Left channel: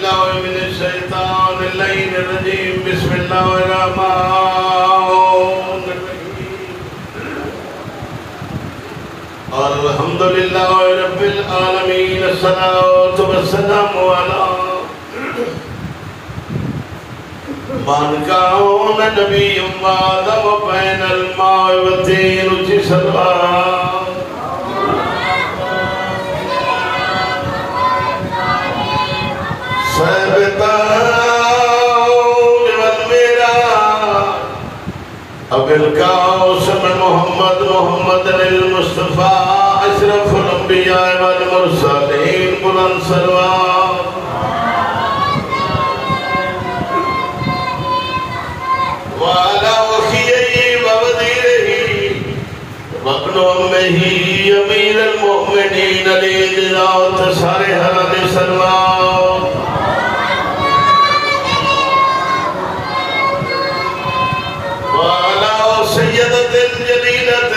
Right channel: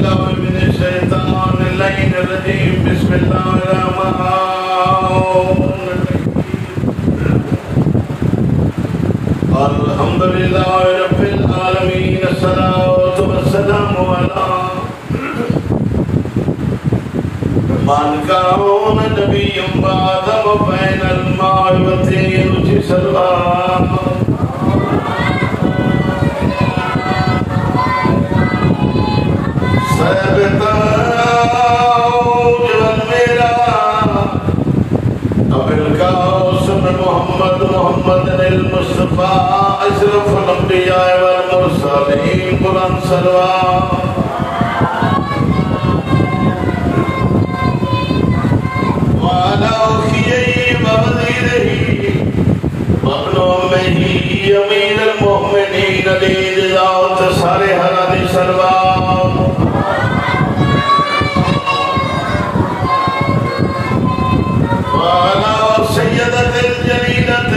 بالله من الشيطان اللعين الرجيم بسم الله الرحمن الرحيم الحمد لله رب العالمين الصلاة والسلام على من كان نبي بعد وبين الماء والطين جسرا محمد المصطفى اشرف الانبیاء والمرسلین بلند سلام وعلى اخيه ووزيره وابن امه امير المؤمنين لذات سارے حضرت سلام سيدة الجليلة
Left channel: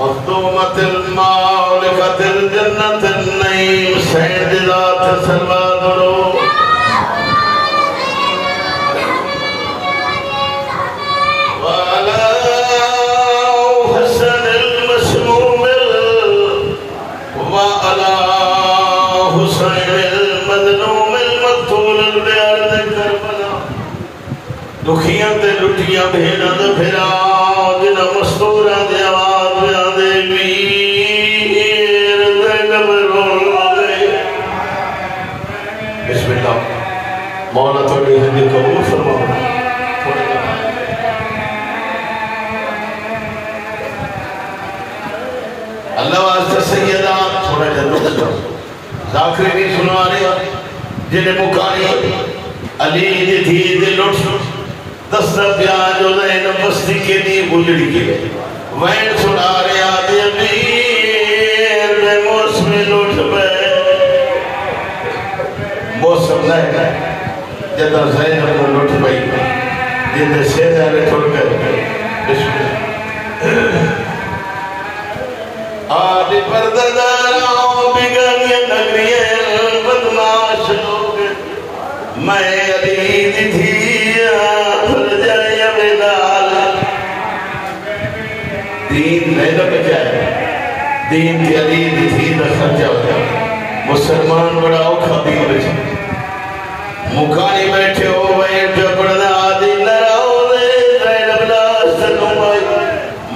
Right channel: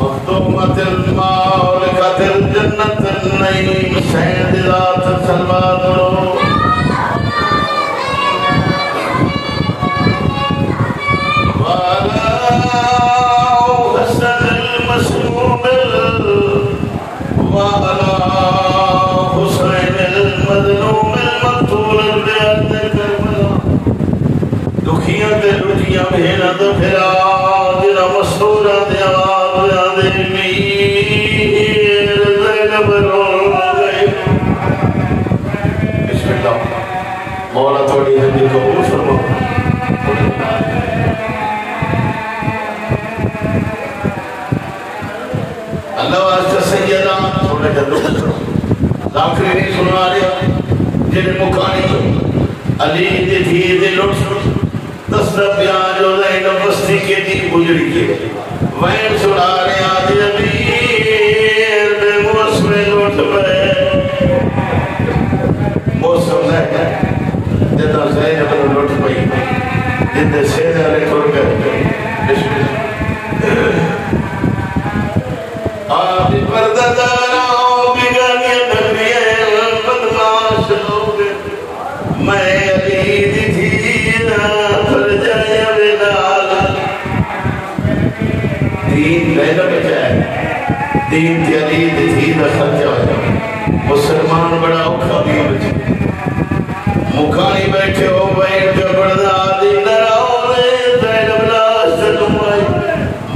المخدومة المالكة الجنة النعيم سيد ذات سلام وعلى حسن المسموم وعلى حسين المظلوم المقتول بأرض كربلاء دکھیاں تے لٹیاں بھیڑاں تو پھرا جنہ مستورہ دے آواز میں دے میر زینب رو گئے بسم اللہ مولا تھوڑی ہندی قبول فرما اللہ واسطہ سیدہ تھوڑا جنت ذاکری نہیں سنوا رہا جنہیں مکانی علی دی تھی دے لٹ دستہ بیان جو زینب بستی کے دی بجڑی کے وین سنا رہے آدھی امیر میں موسم لوٹ بے موسم لے گئے جدہ زینب لوٹ بے جدہ سیدہ نے توڑ کر آدھی پردداراں بگانی نبیل بدماش لوگ میں علی دی تھی دین لیلہ بجائے دین کی علی دی تھی نہ خرچہ ہوگا مسلمان بڑا اوکھا دین بجائے مکائی بیٹھے ہو بھائی جبڑنا آدھی نراؤ لے لیلہ بلا سنم آئی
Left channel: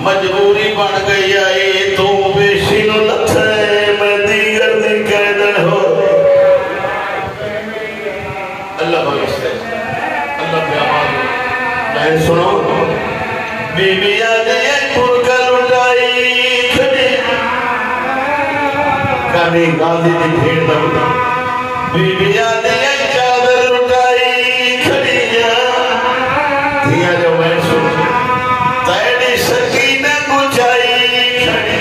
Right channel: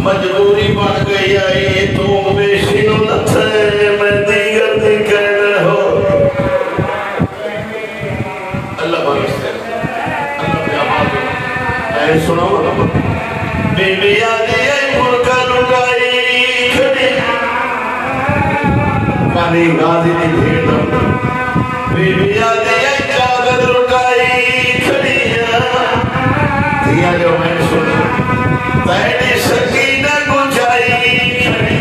مجبوری بن گئی آئی تو بیشی نو لتھے میں دیگر دن کہنر ہو اللہ بلستے اللہ بیامات میں سناؤ بی بی آدھی پرکا لٹائی کھڑی کانی گاندھی دی بھیڑ نہ بی بی آدھی چادر لٹائی کھڑی دیا جو میں سن تیری سکینہ گجائی کھڑی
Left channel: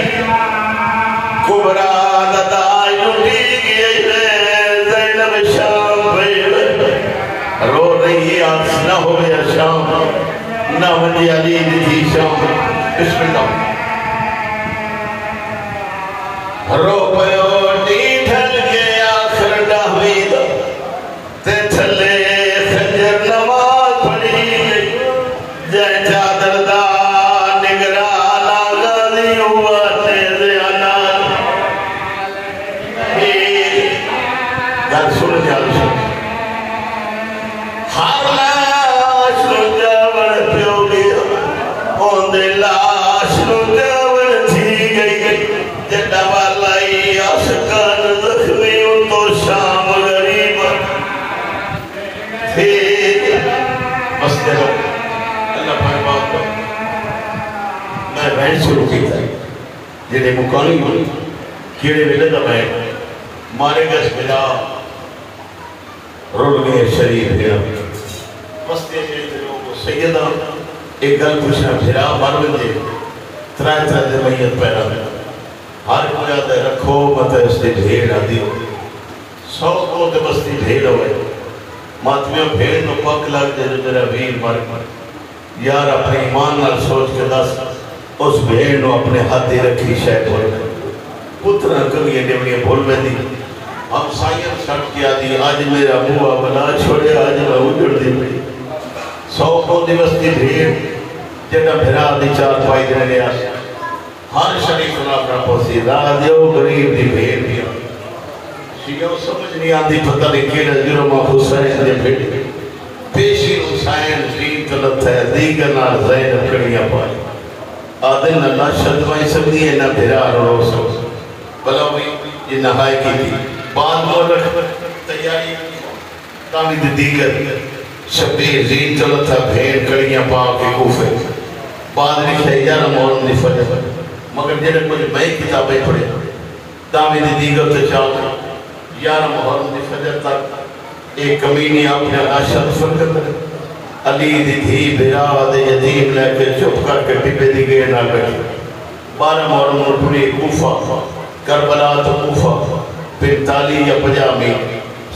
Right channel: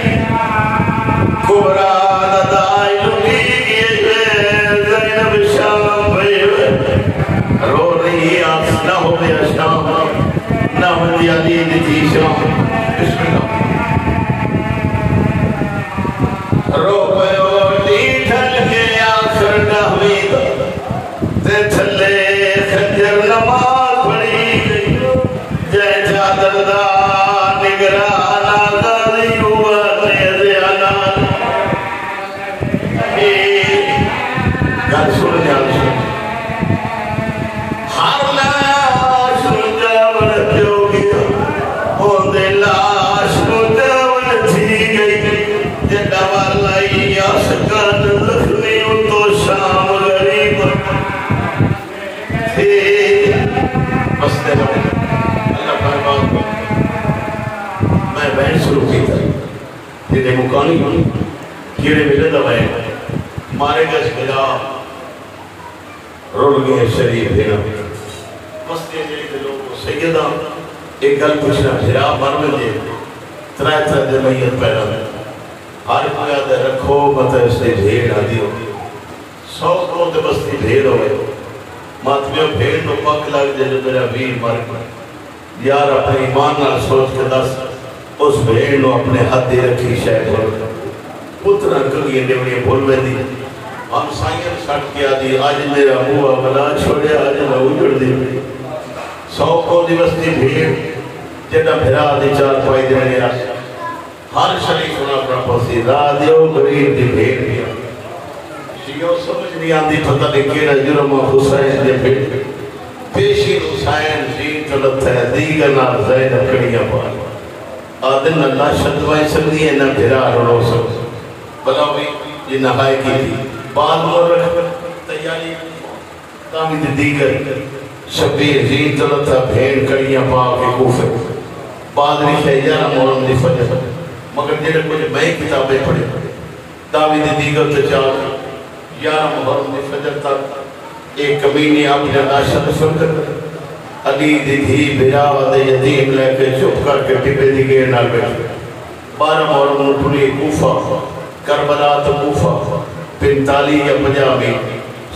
کبرا ندائی لٹی گئی زینب شام بھئی رو رہی آپ نہ ہو گیا شام نہ ہو گیا دید تھی شام بسم اللہ رو پیو ٹیٹھن کے آخر ڈہوید تے تھلے خنجر نماز پڑی جائے چادر دا نگرانا غازی ہوا تیزے آنان گھر سننے آل سن ہر لاش نجا بڑھ پیو گیا ہوندے لاش نجاون تھی گئی جڈا والائی آسکان زخمی تو شام غریب تھی بستے ہو اللہ پاک بات کو میں بہن شروع کی تھا جنہیں مکانی ہوئی کیڑے ملے دا بہن مارے گس بلا روڑ گئے شریف دینا بستے جیتے لوگ سیدہ ایک گل پوچھنا پھرا مر بجے ترائے جمعیت پیدا ہر پجا دے رکھو مطلب اس نے بھیڑ آدھی ہو سو کو تے بستی بھیڑ ہوئے ماتمیوں بھیڑ تو پاک لگ جائے جو میرا ویر مر یار اپنے ایمان نال سوچ کے دس اس بھیڑ نو اپنے ہاتھ دے رکھی شاہ بول پترہ کمیے ڈیوڑیے بھول میں دی ہم سائن سٹ کیا دی آج میرا موہ بنا چھوڑے آج میں اجڑ دی پڑی 100 کو دیوستی بھیڑ جنہ بھرا دی 4 پائی دینے آس ہر شریف اللہ کا پسی راجیو غریب دی بھیڑ دیا شیعہ سمجھ نہیں آتی پتہ لیکن جرم حسین دے بھیڑ پیشی حسین زین کلت ہے دیگر نال زینب کڑیاں پائی آدن اللہ شدوائی سمجھی ہے نہ بھرا رو سو بلا ہوئی یہ نہائی کی تھی بعد مورک تیاری تامی دیگر شبیر زین کلت ہے بھیڑ کڑیاں پا کے کوفے بعد رکھے یارہ مورن دی فجر مگر جنہیں کچھ میں کتابیں پڑھے تامی دیگر سے چاہتا یارہ مورن دی فجر تک ایک کمینی اپنے ناشد فکر علی دی دھی بھراوہ دے یدیم لے کے چپ کر کے ٹپے دی گئے نہ گئی 12 مورن اٹھنی کوفہ کربلا تو کوفہ 45 یا 50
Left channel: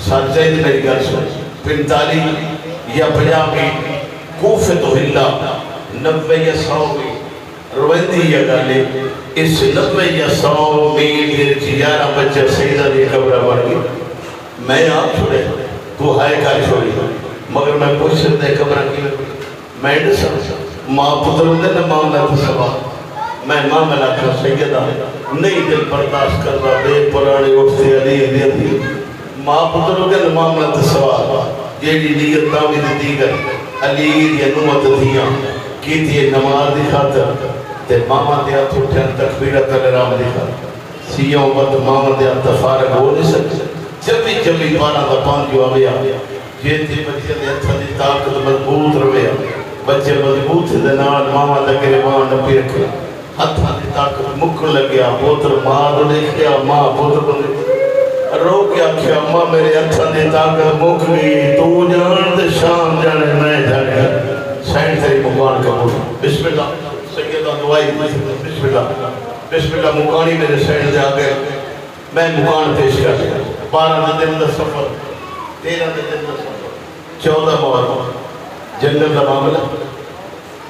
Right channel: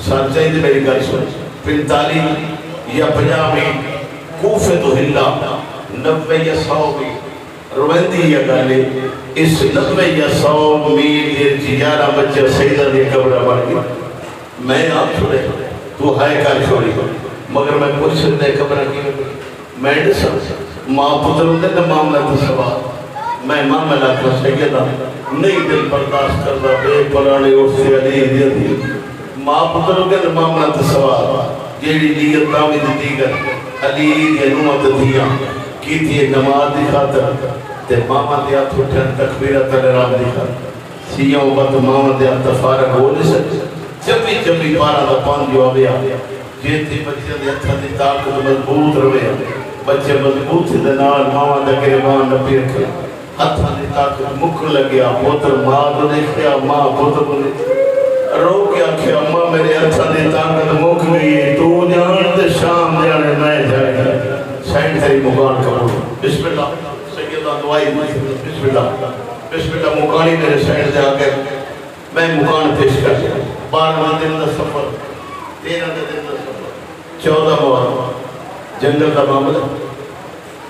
سر چاہید میری گھر سن 45 یا 50 کوفے تو ہلا 90 یا 100 روندی یا گالے اس 90 یا 100 گھر جیارہ بچہ سیدہ دی قبرہ بڑھ گئی میں آپ چھوڑے تو ہائے کا چھوڑی مگر میں کچھ دے قبرہ کی میں ڈسا ماں پتر دے نہ معاملہ تصبا میں ماں ملکہ سیدہ نہیں دل برداشت کردہ بے پرانی اٹھتے علی دی ماں پتر دے نہ معاملہ تصبا یہ لیت تاوید دیگر علی دی نومت دیا کی تھی نماز دی خاطر تے ماما دیا تھوٹھن تکبیرت الرام دی خاطر سیوں بات ماما دیا تفارق ہو نہیں سکتے جبی پارا دا پان جو آگیا یہ تھی بچے دے ہتھا دی طاقت مضبوط رویا بچے مضبوط دے نال ماما دا گریبان نپی رکھے ہتھا دی طاقت مکن لگیا پوتر ماں دو دیکھیا ماں پوتر دو دیکھیا رو کیا کیا ماں میرے ہتھا دی طاقت مک گئی تو جان دے شام جانے میں جانے سائن تیری مکان قبول بسم اللہ سیدہ دعائی بسم اللہ مکانی میرے سائن دے آگئے میں مکان پیش کر دیا 12 دن دا سفر 13 دن دا سفر 14 مواد جنگل دا معاملہ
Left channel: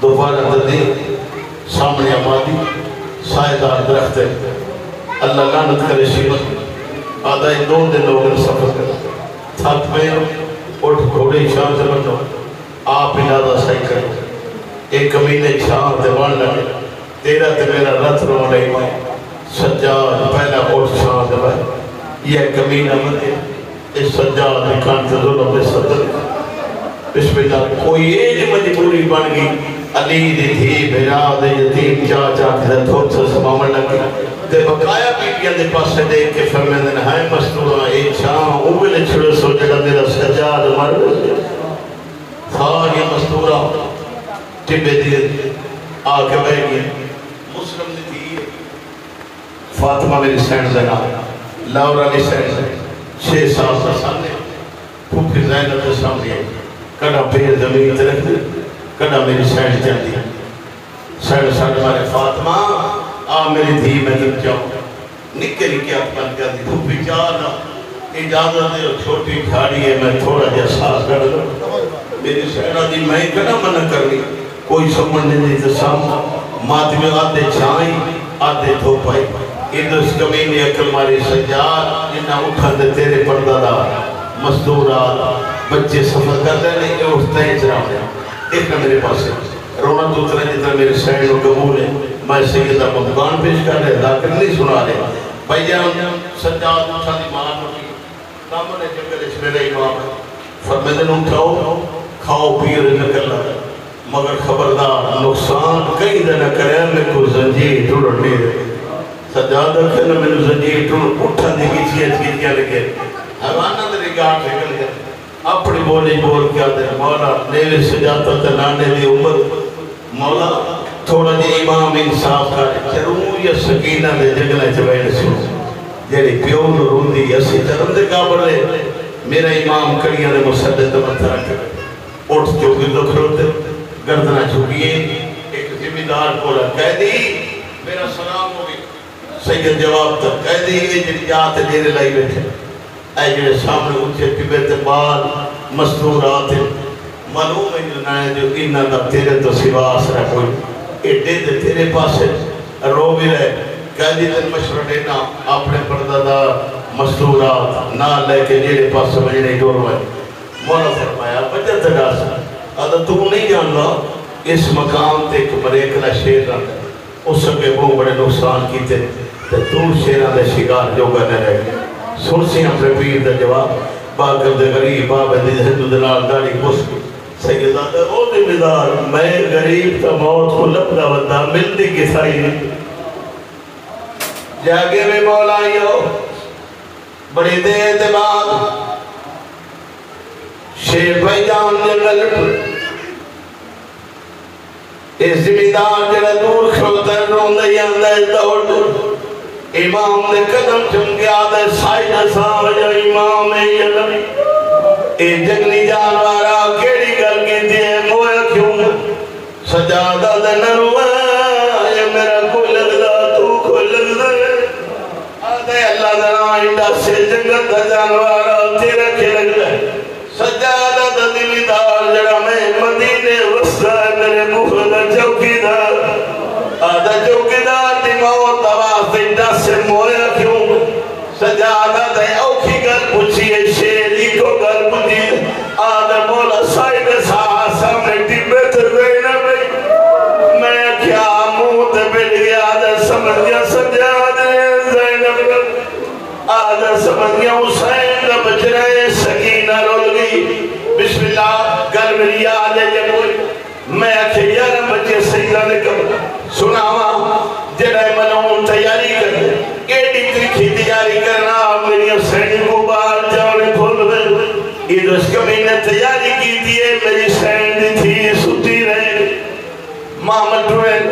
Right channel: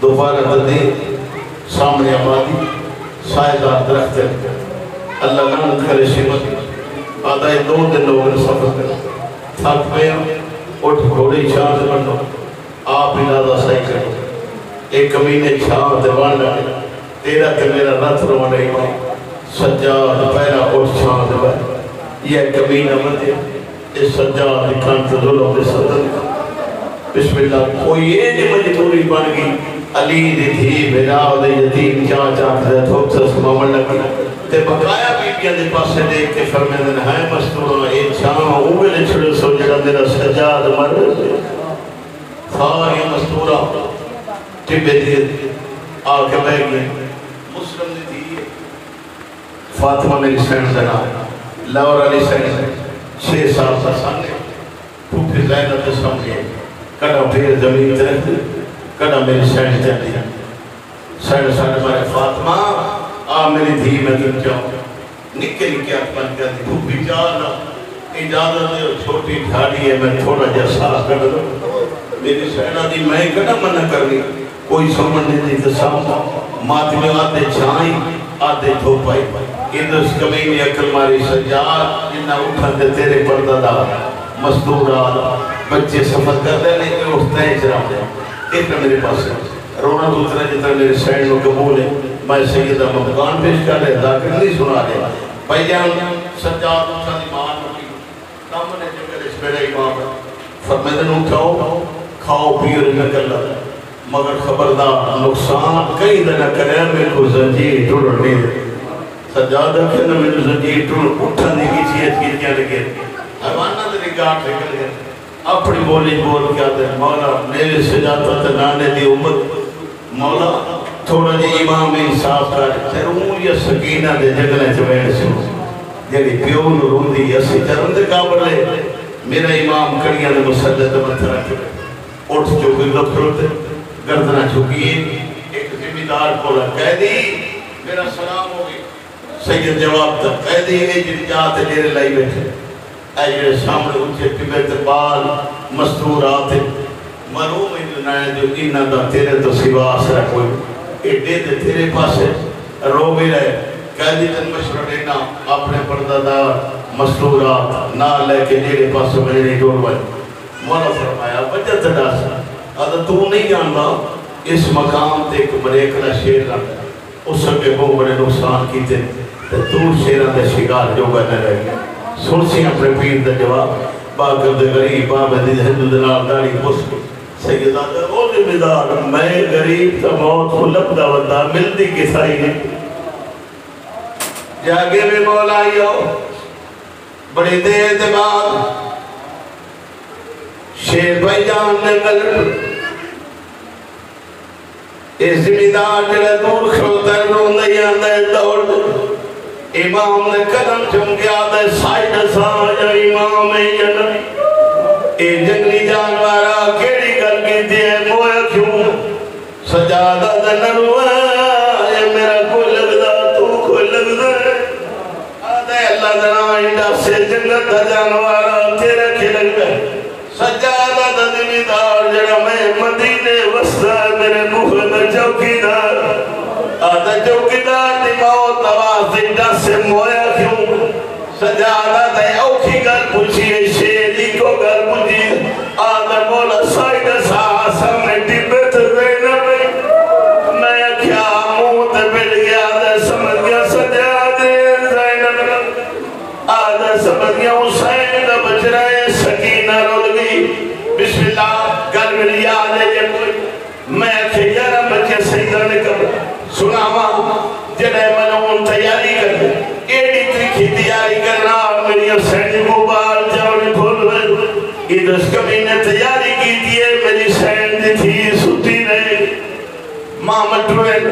دوبارہ دردی سامنے آبادی سائدہ درخت ہے اللہ لعنت کرے شیمت آدھائی 2 دن لوگوں نے سفر کر تھک میں اٹھ گھوڑی شان سے بڑھنا آپ انادہ صحیح کریں ایک کمینے چھاں تے بڑھنا تیرا تے میرا رت رونے سجاد پہلا اٹھ چھاں تے بڑھنا یہ کمینہ مندے اس سجاد کانت ظلم دے صدر بسم اللہ کوئی ایج مجبوری بن گئی علی دی تھی بھیراو دے یتیم چاچا دے تھوٹ سے سمامن لگی تے بقایا بیٹیاں دے پاس سے دیکھ کے فرمے دن ہائے مستورا اے چھاں اوگلے چھڑے سو جڑا میرا سجاد مر ساری مستورا ٹبے دیئے آکے بہ گئے مسلم دی تھی فاطمہ میری سینڈ سے نام لاور علی سینڈ 6 سال سے سامنے پھوپی زینب سے سامنے کڑا پھر زمین طرف دی کڑا میری سینڈ جاتی سینڈ سینڈ مارے فاطمہ آ میری دھی میں تک جاؤں نکے نکے اپن کر دی پھوپی جانا اجازت دے چھوٹی جھاڑی ہے میں تھوڑا جا ساس کر لوں میری سینڈ دی میں کڑا منع کرنی کوئی سمجھ نہیں تو سامنے مات میں آدھے چھائیں آدھے دھوپائی اس کمینے اکل ماری سجاد جنہ اٹھن دے تیرے پردہ دا مزدورات بچے سفر کرتے نہیں کہ اٹھتے ہیں اجرام دے ایک میرے پاس ہے رونا دوسرے جتنا میرے سینڈ و قبول ہے میں سیدہ مقبان پیش کر رہے ذاکر نہیں سنا رہے بھائی جان سجاد اٹھا دی مان ہوگی نامنے جنگل اس میرے امام ہے فرمیدن اٹھاؤ کھاؤ پیر نہ کر لگا مگر خبردار نقصان کئی دنہ کرے میں کو زنجیر ٹوڑ نہیں سجاد رکھنا میں نے زنجیر ٹوڑ اٹھن دی کی چیزیں لگے حیوانہ دے گاٹ نکل گئے اپنی بولی بول کیا دے مولا میرے سجادہ تے نانے دی عمر مولا تھوڑا جی امام انصاف کا چروں یا سکینہ دے جگلے چوئے سو جیڑی پیون روندی اسی چرم دے قابل لے میرا امام کڑیاں دے مسجد دے متھا رکھے اٹھ جو بھی رکھ روتے گردنہ چکیے ایک ذمہ دار کو کہہ دی میرا سلام ہو گئی سید جواب تک کہہ دی یہ جنی جاتے جیرے لائی بیٹھے اے جنی سامنے اونچے کبیت بال مستورات معلوم انہیں جو انہ دا تیرے تو سوا آسرہ کوئی اٹھے دے تیرے پاس ہے رو بھی رہے کہہ دی تن مشورہ دینا اپنے پردہ دا مستورات نہ لے کے جیڑے پاس مجھے ڈور وائے مولا فرمایا وجہ تداسا اگر تو نہیں جاننا اس مقام تے ایک مریکلہ شیر رہتا ہے اس سکے وہ بڑے نقصان کیتے تو شیران دے شکار جو کرنے رہ گئے سنسی اپنے پیر دے جواب باقر دے غریب بابے دے ہندو دلال داری مسکو سیدہ دے او نمیدار میں غریب تا موت کو لپدا ودا ملتی کسائی نہیں جاگے میں مولا آئیو بڑی دیر دے بعد شیر بھائی جان نے ملٹ اس زمیدار جڑا دور کھلوتر روندے آندے دوڑ امام نے قدم چمکیا دے سائیڈ ساجا امام جنبی اے جنگلی جانوارا کیڑی گل کی دیئے مویا کیوں سجادہ دے نروہ اے میرا کوئی لگدا تو کوئی لگدا آدھے اللہ دنائنڈا سے جنگت دا جانوارا تیرے کی لگدا سجادہ دا دمیدار جڑا میں مدینے وسطہ میرے موہ دا چوکیدار آدھا چوکیدار دی موت آواز دنڈا سے مویا کیوں سجادہ دے اوکھی گل پوچھئے شیری کو گل پوچھئے آدھا مولا سائیڈ ساسا میں ٹیپے تردینا بھی میں کیا موت بڑھ گیا آدھا سمجھ گیا سجادے زینب رب آدھا سمجھ گیا حسین کا بچ رہے سکینہ رول گئی بسم اللہ گل ملی آدھے جنوئی میں کہ یارہ بچے سیدہ نکل سناما جڑے ملون تیاری کر ایڈی ترکھی تیاری کرنا میری حسین کو بار جاؤنے بھول میں ایدوس کمینے تیاری کی دیئے میری حسین دی تھی ستی رہے محمد روین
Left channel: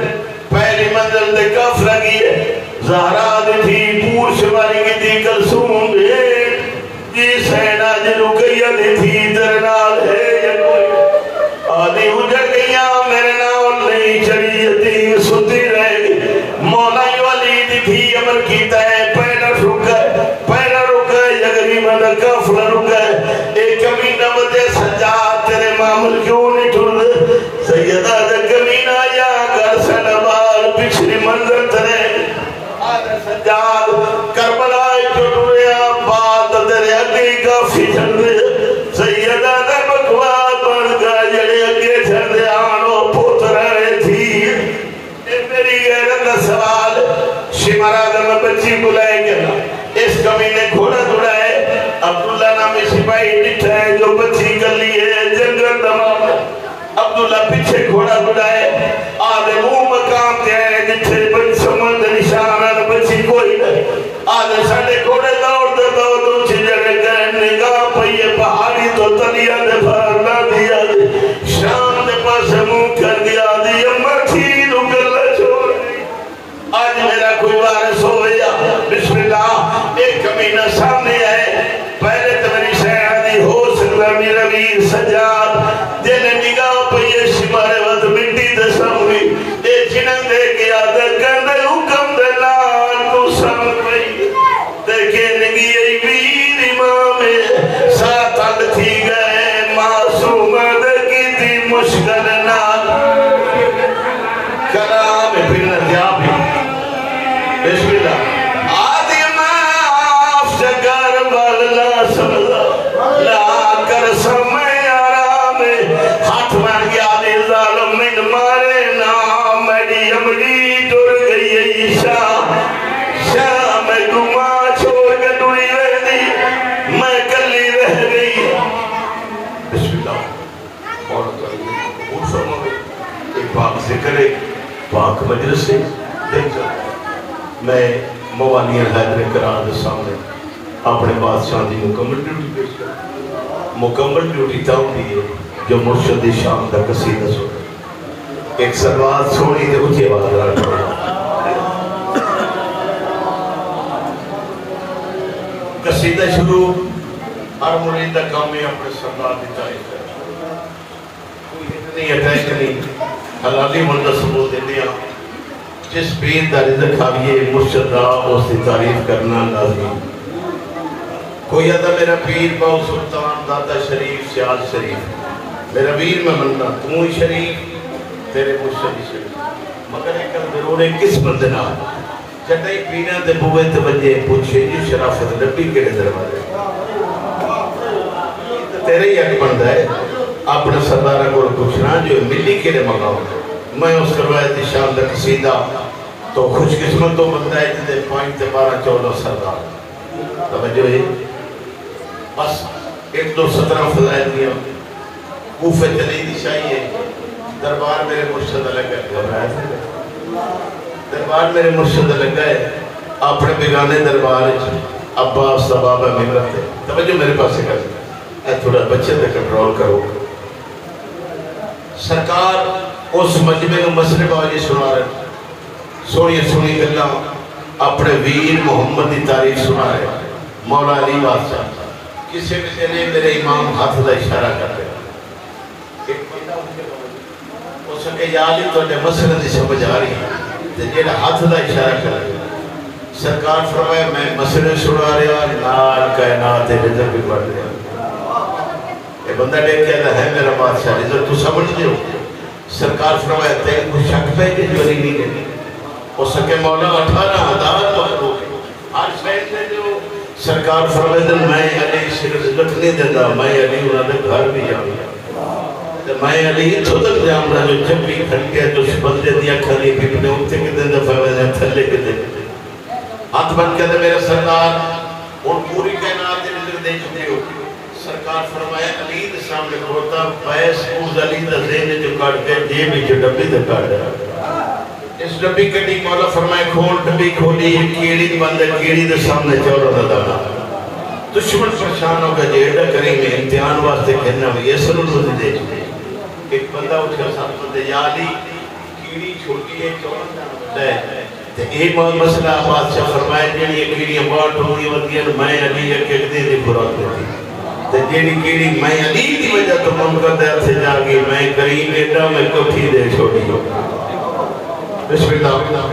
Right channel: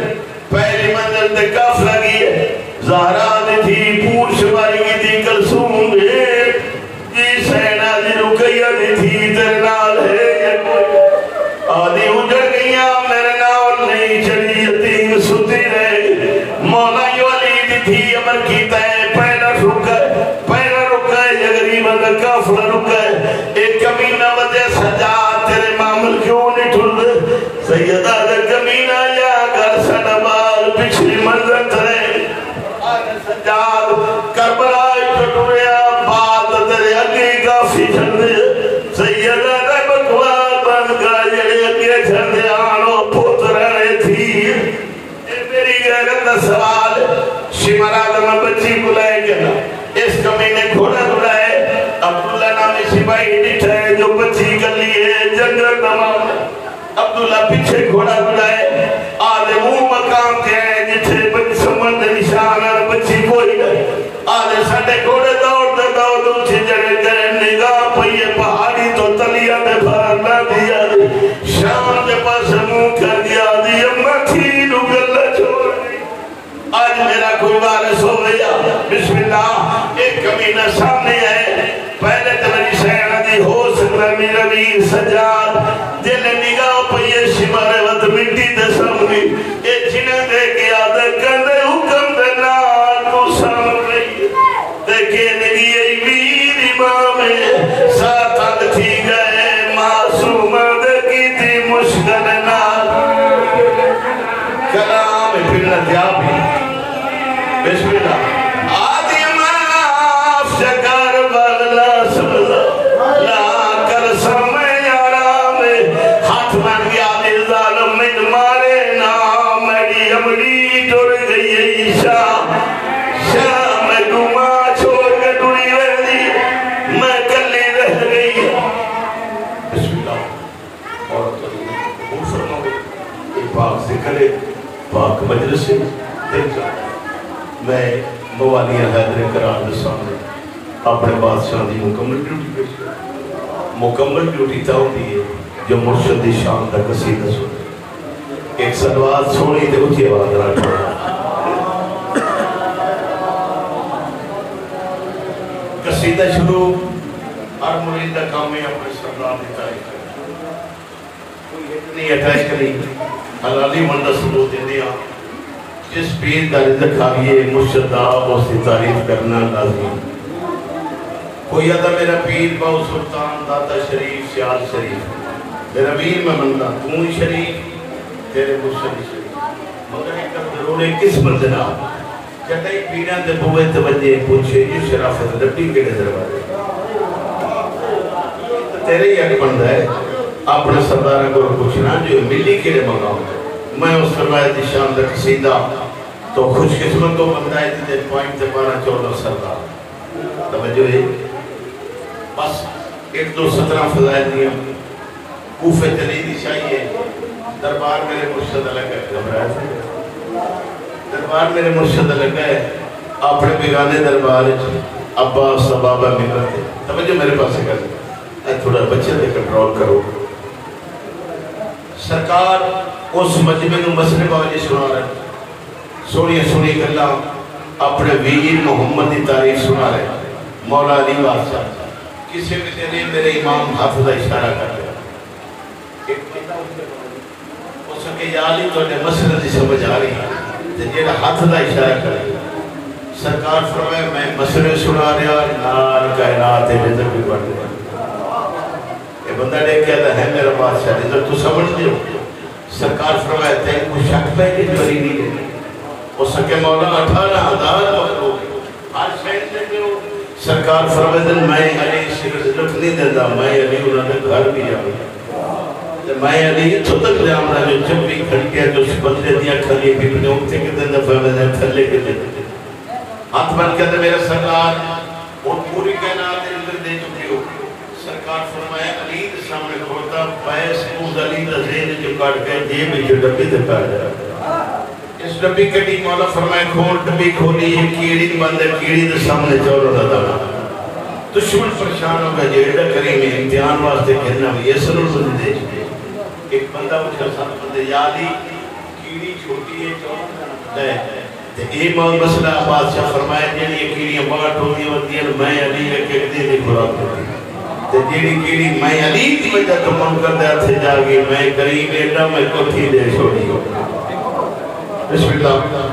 پہلی منزل دے کاف لگی ہے زہرہ دی تھی پور شماری کی دی کلسون ہے جی سینہ دی رکیہ دی تھی درنال ہے آدھی اجھر گیا میرے ناول نہیں چلی یتیم ستی رہے مولا ولید تھی امر کیتا ہے پہلا رک گئے یگری مدر کافر رک گئے ایک کمینہ وجہ سجا تیرے معامل کیوں نہیں ٹھل سیدہ جا کمینہ یا کر سڑبال پچھلی منظر ترے آدھے سجاد کربلائی ٹوٹویا بات تیرے اگلی کافی جھندے سیدہ جا بکوا بن گا جڑے اگے جھندے آنو پوت رہے تھی اے میری غیرت کا سوال شمرا دمہ بچی بلائے گیا اس کمینے گھوڑا دوڑائے عبداللہ نامی سپاہی ڈٹھا ہے جو بچی کر لیے جنگل تمام عبداللہ پیچھے گھوڑا دوڑائے آدھے وہ مقام کے ہیں جتھے بچ سمند نشانہ بچی کوئی نہیں آدھے ساڑھے گھوڑے دوڑ دوچھی جگہ کریں نگاہ پہیے پہاڑی تو تلیہ نے بھارنا دیا دی شام نے پاس منہ کر دیا دی امہ تھی نگلہ چھوڑ دی آج میرا کوئی وارث ہو گیا بسم اللہ ایک کمینہ سامنے ہے پہلے تو میری شہرہ دی ہو سکتا میرا ویر سجاد جنہیں نگاہ پہیے شمارے وقت مٹی دے سامنی اے جنہیں دے گیا دے کندے حکم دے نال کو سامن رہی دیکھے نگی ای ویر امام ساتھ اگ تھی گئے معصوم دکی تھی مشکل نال کرام پھرنا دیا بھی بسم اللہ آدھی معاف جگر بغلا سبلا لا کر سمیں آرام ہاتھ من گیا دی ظالم من مارے نام میری امڑی ٹوڑ گئی عیشہ شاہ میں گما چھوڑ کے ٹوڑی رہ دی میں کلی رہ گئی بسم اللہ عورت کریں اور فرمائے ایک پاک سے کرے پاک مجلس سے دیکھ جائے میں موانیہ حیدر قرار دے سامنے اپنے بادشاہ دی مکمل ڈیوٹی پیش کر مکمل ڈیوٹی تاؤ دی ہے جو مرشد شام دا قصیدہ سنے ایک سلوات سونی دے اچھی آواز رکھا قصیدہ شروع ہر مرید دا کامی اپنے سلوات دی تاریخ کر کوئی اتنی اٹھائک نہیں حلالی مندہ ثبوت دنیا جس پیر دا رزق آئیے مرشد دا اس کی تعریف کرنا لازمی کوئی ادا میرا پیر باو سلطان داتا شریف سیال شریف میرا پیر میں مننا تمہیں شریف تیرے مرشد شریف مگر ایک ضرور ہے کس مندنا چٹائی پینا دے بوے توجہ پوچھے یہ شرافت ڈبی کے دروازے تیرے ہی ایک بندہ ہے اپنے سردارہ کو پوچھنا جو ملی کے مقام میں اس کروائے تھی شام تک قصیدہ تو خوش قسمت تو بندہ ہے جتے پوائنٹ 12-14 سردار توجہ ہے بس 1-2-17 فضائل دیا کوفے تلیدی چاہیے دربار میرے مرشد لگا ہے گھبرایا تھے دربار میرے مرشد لگا ہے اپنے بیگانے دربار عباس بابا ملت ہے توجہ میرے پاس سے کہتے ہیں تھوڑا بچے دے کنٹرول کرو سرکار اس مجمع میں مسئلے والی سنا رہے سونی کرنا اپنے ویر محمد کی تعریف سنا رہے مولا علی بادشاہ کسی بھی چلیے میرے امام ہاتھ دا اشارہ کر دیا ایک بندہ ان کے باوجود اس کے یا علی تو نے مسئلہ دی سمجھ آ رہی ہے جیڑا ہاتھ دا اشارہ کر دیا سرکار فرمائے میں مسئلے سنا رہا نال کائنات رزق بھی بڑھ دیا یہ بندہ لے کے آتا ہے میرا بادشاہ رزق تو سمجھ دیو سرکار فرمائے تین کو شک پہ کہ جو نہیں دے اس کے مولا 18,000 مخلوق ہر شہر سے جو سرکار فرمائے میں علی سے رزق نہیں دیتا میں علی انہوں نے گھر بھی جاؤں میں علی تو تک جام رہا جو جب بھی کھڑکیا جو اس بندے دیا کھلی بھی اپنے اکتے کے دن دفعہ میں نے تھلے کے دن ہاتھ بند کہتے میرا سرکار اور پوری کائنات رزق دے چکے ہو سرکار فرمایا علی دے سامنے کھوتا پیس پوز علی دے ذہن جو کاٹ گئے جیب ہی جو ڈبی دے کاٹ گئے اس ڈبی کٹی مولا فرمایا کھول ڈبی کھولی یہ کیڑی بندے کیڑی دے سامنے چورا دا دبا دشمن پریشان ہو گیا جیڑا کریم امتحان واسطے کہنا بھی یہ سنو تو دے ایک بندہ اٹھا سامنے دے یا علی کیڑی چھوٹی ہے چورا دے تے اے مسئلہ بادشاہ فرمایا جیڑی یہ کیڑیاں بات ہوئی ودیاں میں علی ایک دی دی خوراک ہوتی تے جیڑی کیڑی میں علی دی وجہ تو من کر دیا تھے جاگی میں کریم ایڈا میں کٹھی دے چھوڑی ہو بسم اللہ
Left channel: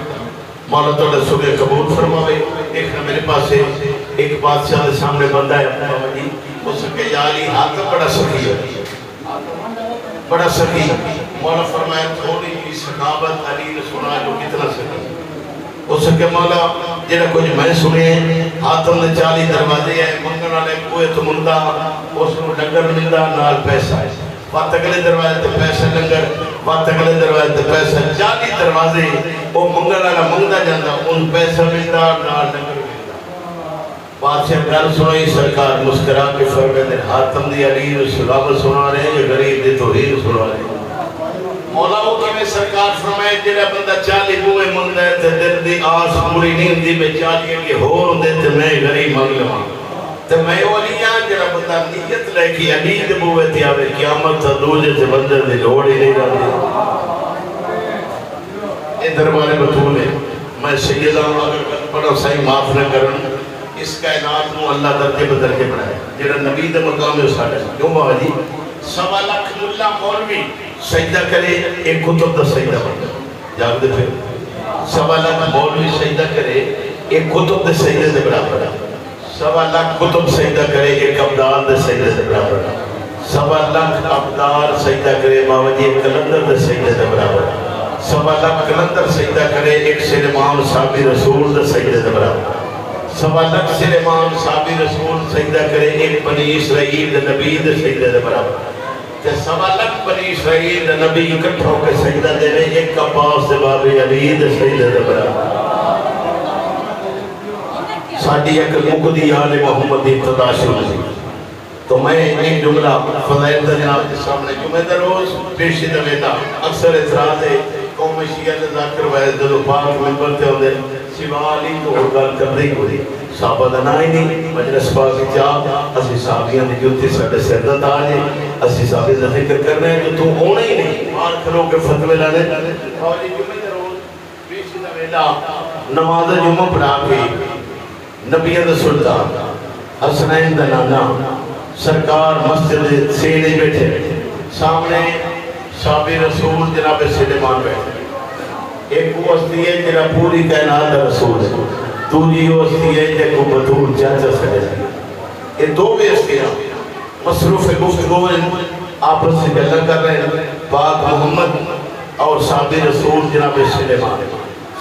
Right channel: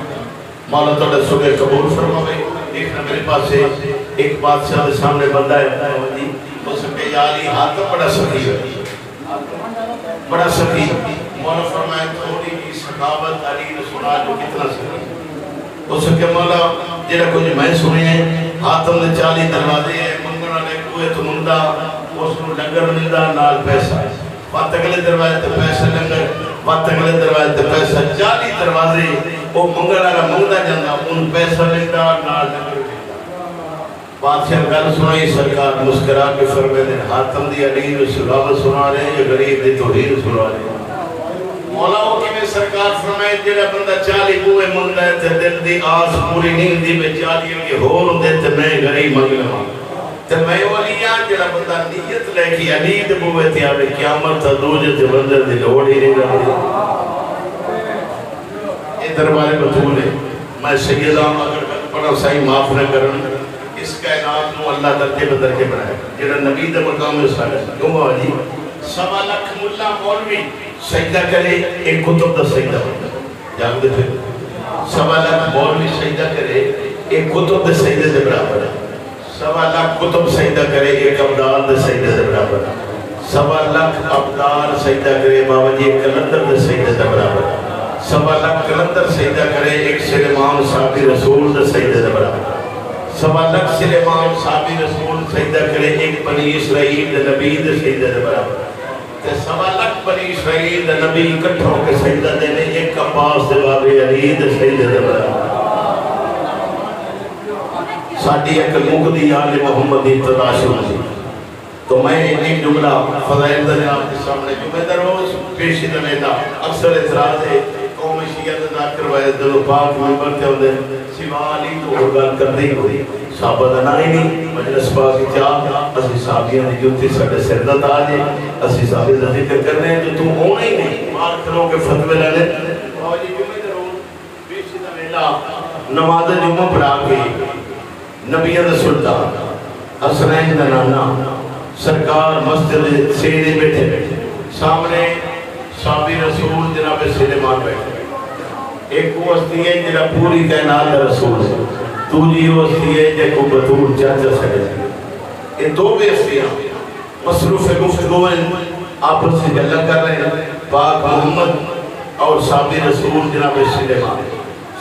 مولا توڑے صبح قبول فرماوے ایک نہ میرے پاس ہے ایک بادشاہ دے سامنے بندہ ہے اس کے یا علی ہاتھ بڑا سخی ہے بڑا سخی مولا فرمائے تھوڑی کی سخاوت علی نے سنا جو کتنا سخی اس کے مولا جیڑا کچھ میں سنے ہیں ہاتھوں نے 40 دروازے ہیں منگن والے کوئے تو مندہ اس کو ڈنگر مندہ نال پیسہ وقت اگلے دروازے تے پیسہ ڈنگر وقت اگلے دروازے تے پیسہ 40 دروازے وہ منگن والا منگدہ جاندہ ان پیسہ مندہ نال ڈنگر مندہ بادشاہ گل سنائی سرکار مسکرا کے فرمے دے ہاتھوں دی علی رسول اللہ سنا رہے ہیں یا غریب دی توحید سنا رہے ہیں مولا ہو کہ میں سرکار فرمائے جیڑا بندہ 40 بوئے منگدہ ہے تے دل دی آس پوری نہیں دی میں 40 کے ہور دے تے میں غریب منگ لوں تے میں اولیاں جیڑا بندہ نیت لے کے علی دے بوئے تے آوے قیامت تا دوجہ تے بندہ دی لوڑ ہی نہیں رہی اے دربار بطول ہے میں سیدہ اگر پڑھا صحیح معاف نہ کرن اس کائنات نو اللہ درجے بدرجے بنائے جیڑا نبی دے مقام ہے ساڑھا کیوں بابا جی 1.25 لاکھ ملا مولوی سجدہ کرے ایک کتب دا سجدہ بڑھا جاگ دے پھر 1.25 لاکھ مولوی سجدہ کرے ایک کتب دے سجدہ دے برابر 1.25 لاکھ کتب سجدہ کرے ایک ابدال دے سجدہ دے برابر 1.25 لاکھ ابدال سجدہ کرے بابا جی ایک کلندر دے سجدہ دے برابر 1.25 لاکھ کلندر سجدہ کرے ایک سلیمان صحابی رسول دے سجدہ دے برابر 1.25 لاکھ سلیمان صحابی رسول سجدہ کرے ایک بنی اسرائیل دے نبی دے سجدہ دے برابر 1.25 لاکھ بنی اسرائیل دے نبی اکٹھوں کے سجدہ دے لے ایک عباس دے بابے علی دے سجدہ دے برابر ساڑھی ایک مقدی آل محمد ابتدا شروع تھی تو میں ایک جملہ فضائل دا جناب کے سامنے جمعہ در روز پیشی دویدہ اکثر اعتراض ہے قوم شیعہ ذاکر وائد دو پاک ممبر تے ہوندے سوا علی تو گل کر دی ہوئی صحابہ دا نائی نہیں مجلس پاک چاہ اسی صحابیاں دی جوتی ساڑھے سردت آجے اسی صحابی دا ذکر کرنے جو تو ہونا ہی نہیں مار کھلوں کے فتوے لانے اور یہ جمعہ در روز پیشی دویدہ نماز جمعہ پڑھا کے نبی دا سلطان حسنین دا نانا سرکار مسجد سینے بیٹھے سامنے صحابی رسول جناب سلیمان بیٹھے ایک وہ ہستی ہے جنہ پوری کائنات دا رسول ہے دوسری وہ ہستی ہے جنہ کو بطور چاچا سکے یہ دو بھی ہستیاں مصروف گفتگو ہیں آپس سے گلہ کر رہے ہیں پاک محمد اور صحابی رسول جناب سلیمان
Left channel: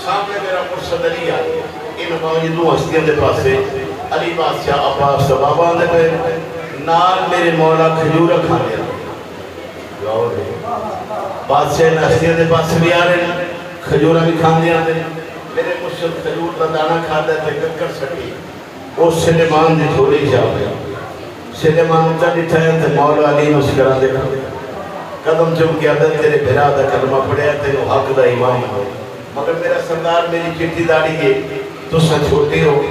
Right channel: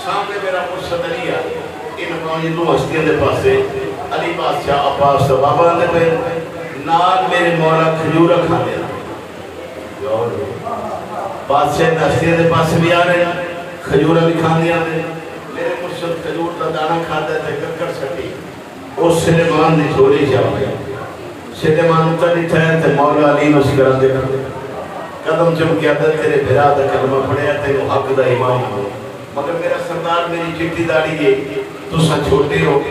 سامنے میرا مرشد علی آگے موجود ہستیاں دے پاسے علی بادشاہ عباس بابا دے پہ نال میرے مولا کھجورہ کھا دیا بادشاہ ہستیاں دے پاسے بھی آ رہے ہیں کھجورہ بھی کھا دیا میرے مرشد کھجور کا دانہ کھا دیا تے ککڑ سٹی اور سلیمان دی جھولی جاؤ گیا سلیمان اچھا نہیں ٹھہر تے مولا علی مسکرہ دیکھا قدم چم کے اندر تیرے بھرا دا کلمہ پڑھیا تے حق دا امام ہوئے مگر میرا سردار میری چٹی داڑی ہے تو سا چھوٹے ہو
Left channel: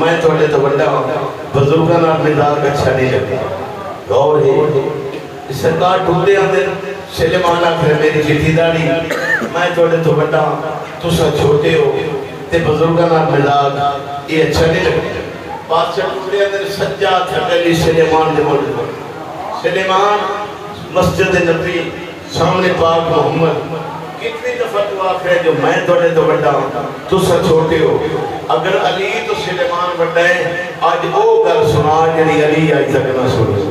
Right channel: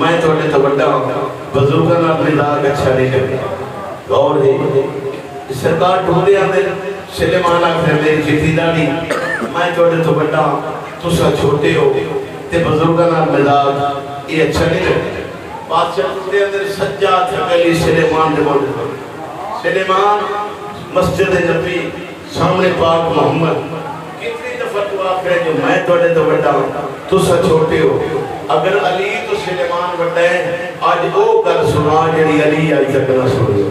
میں تھوڑے تو بڑا ہوں بزرگان اور مزاج اچھا نہیں لگے غور ہے سردار ڈھونڈے اندر سلیمان آخر میری چٹی داڑی میں تھوڑے تو بڑا ہوں تو سا چھوٹے ہو تے بزرگان اور مزاج یہ اچھا نہیں لگے بادشاہ ڈھونڈے اندر سجاد تھکلی سلیمان دے بولے سلیمان مسجد نبی سامنے پاک محمد کتنی دفعہ تو آخر ہے جو میں توڑے تو بڑا ہوں تو سا چھوٹے ہو اگر علی تو سلیمان بڑا ہے آج وہ کر سنا جنہی علی آئی تک نہ سنے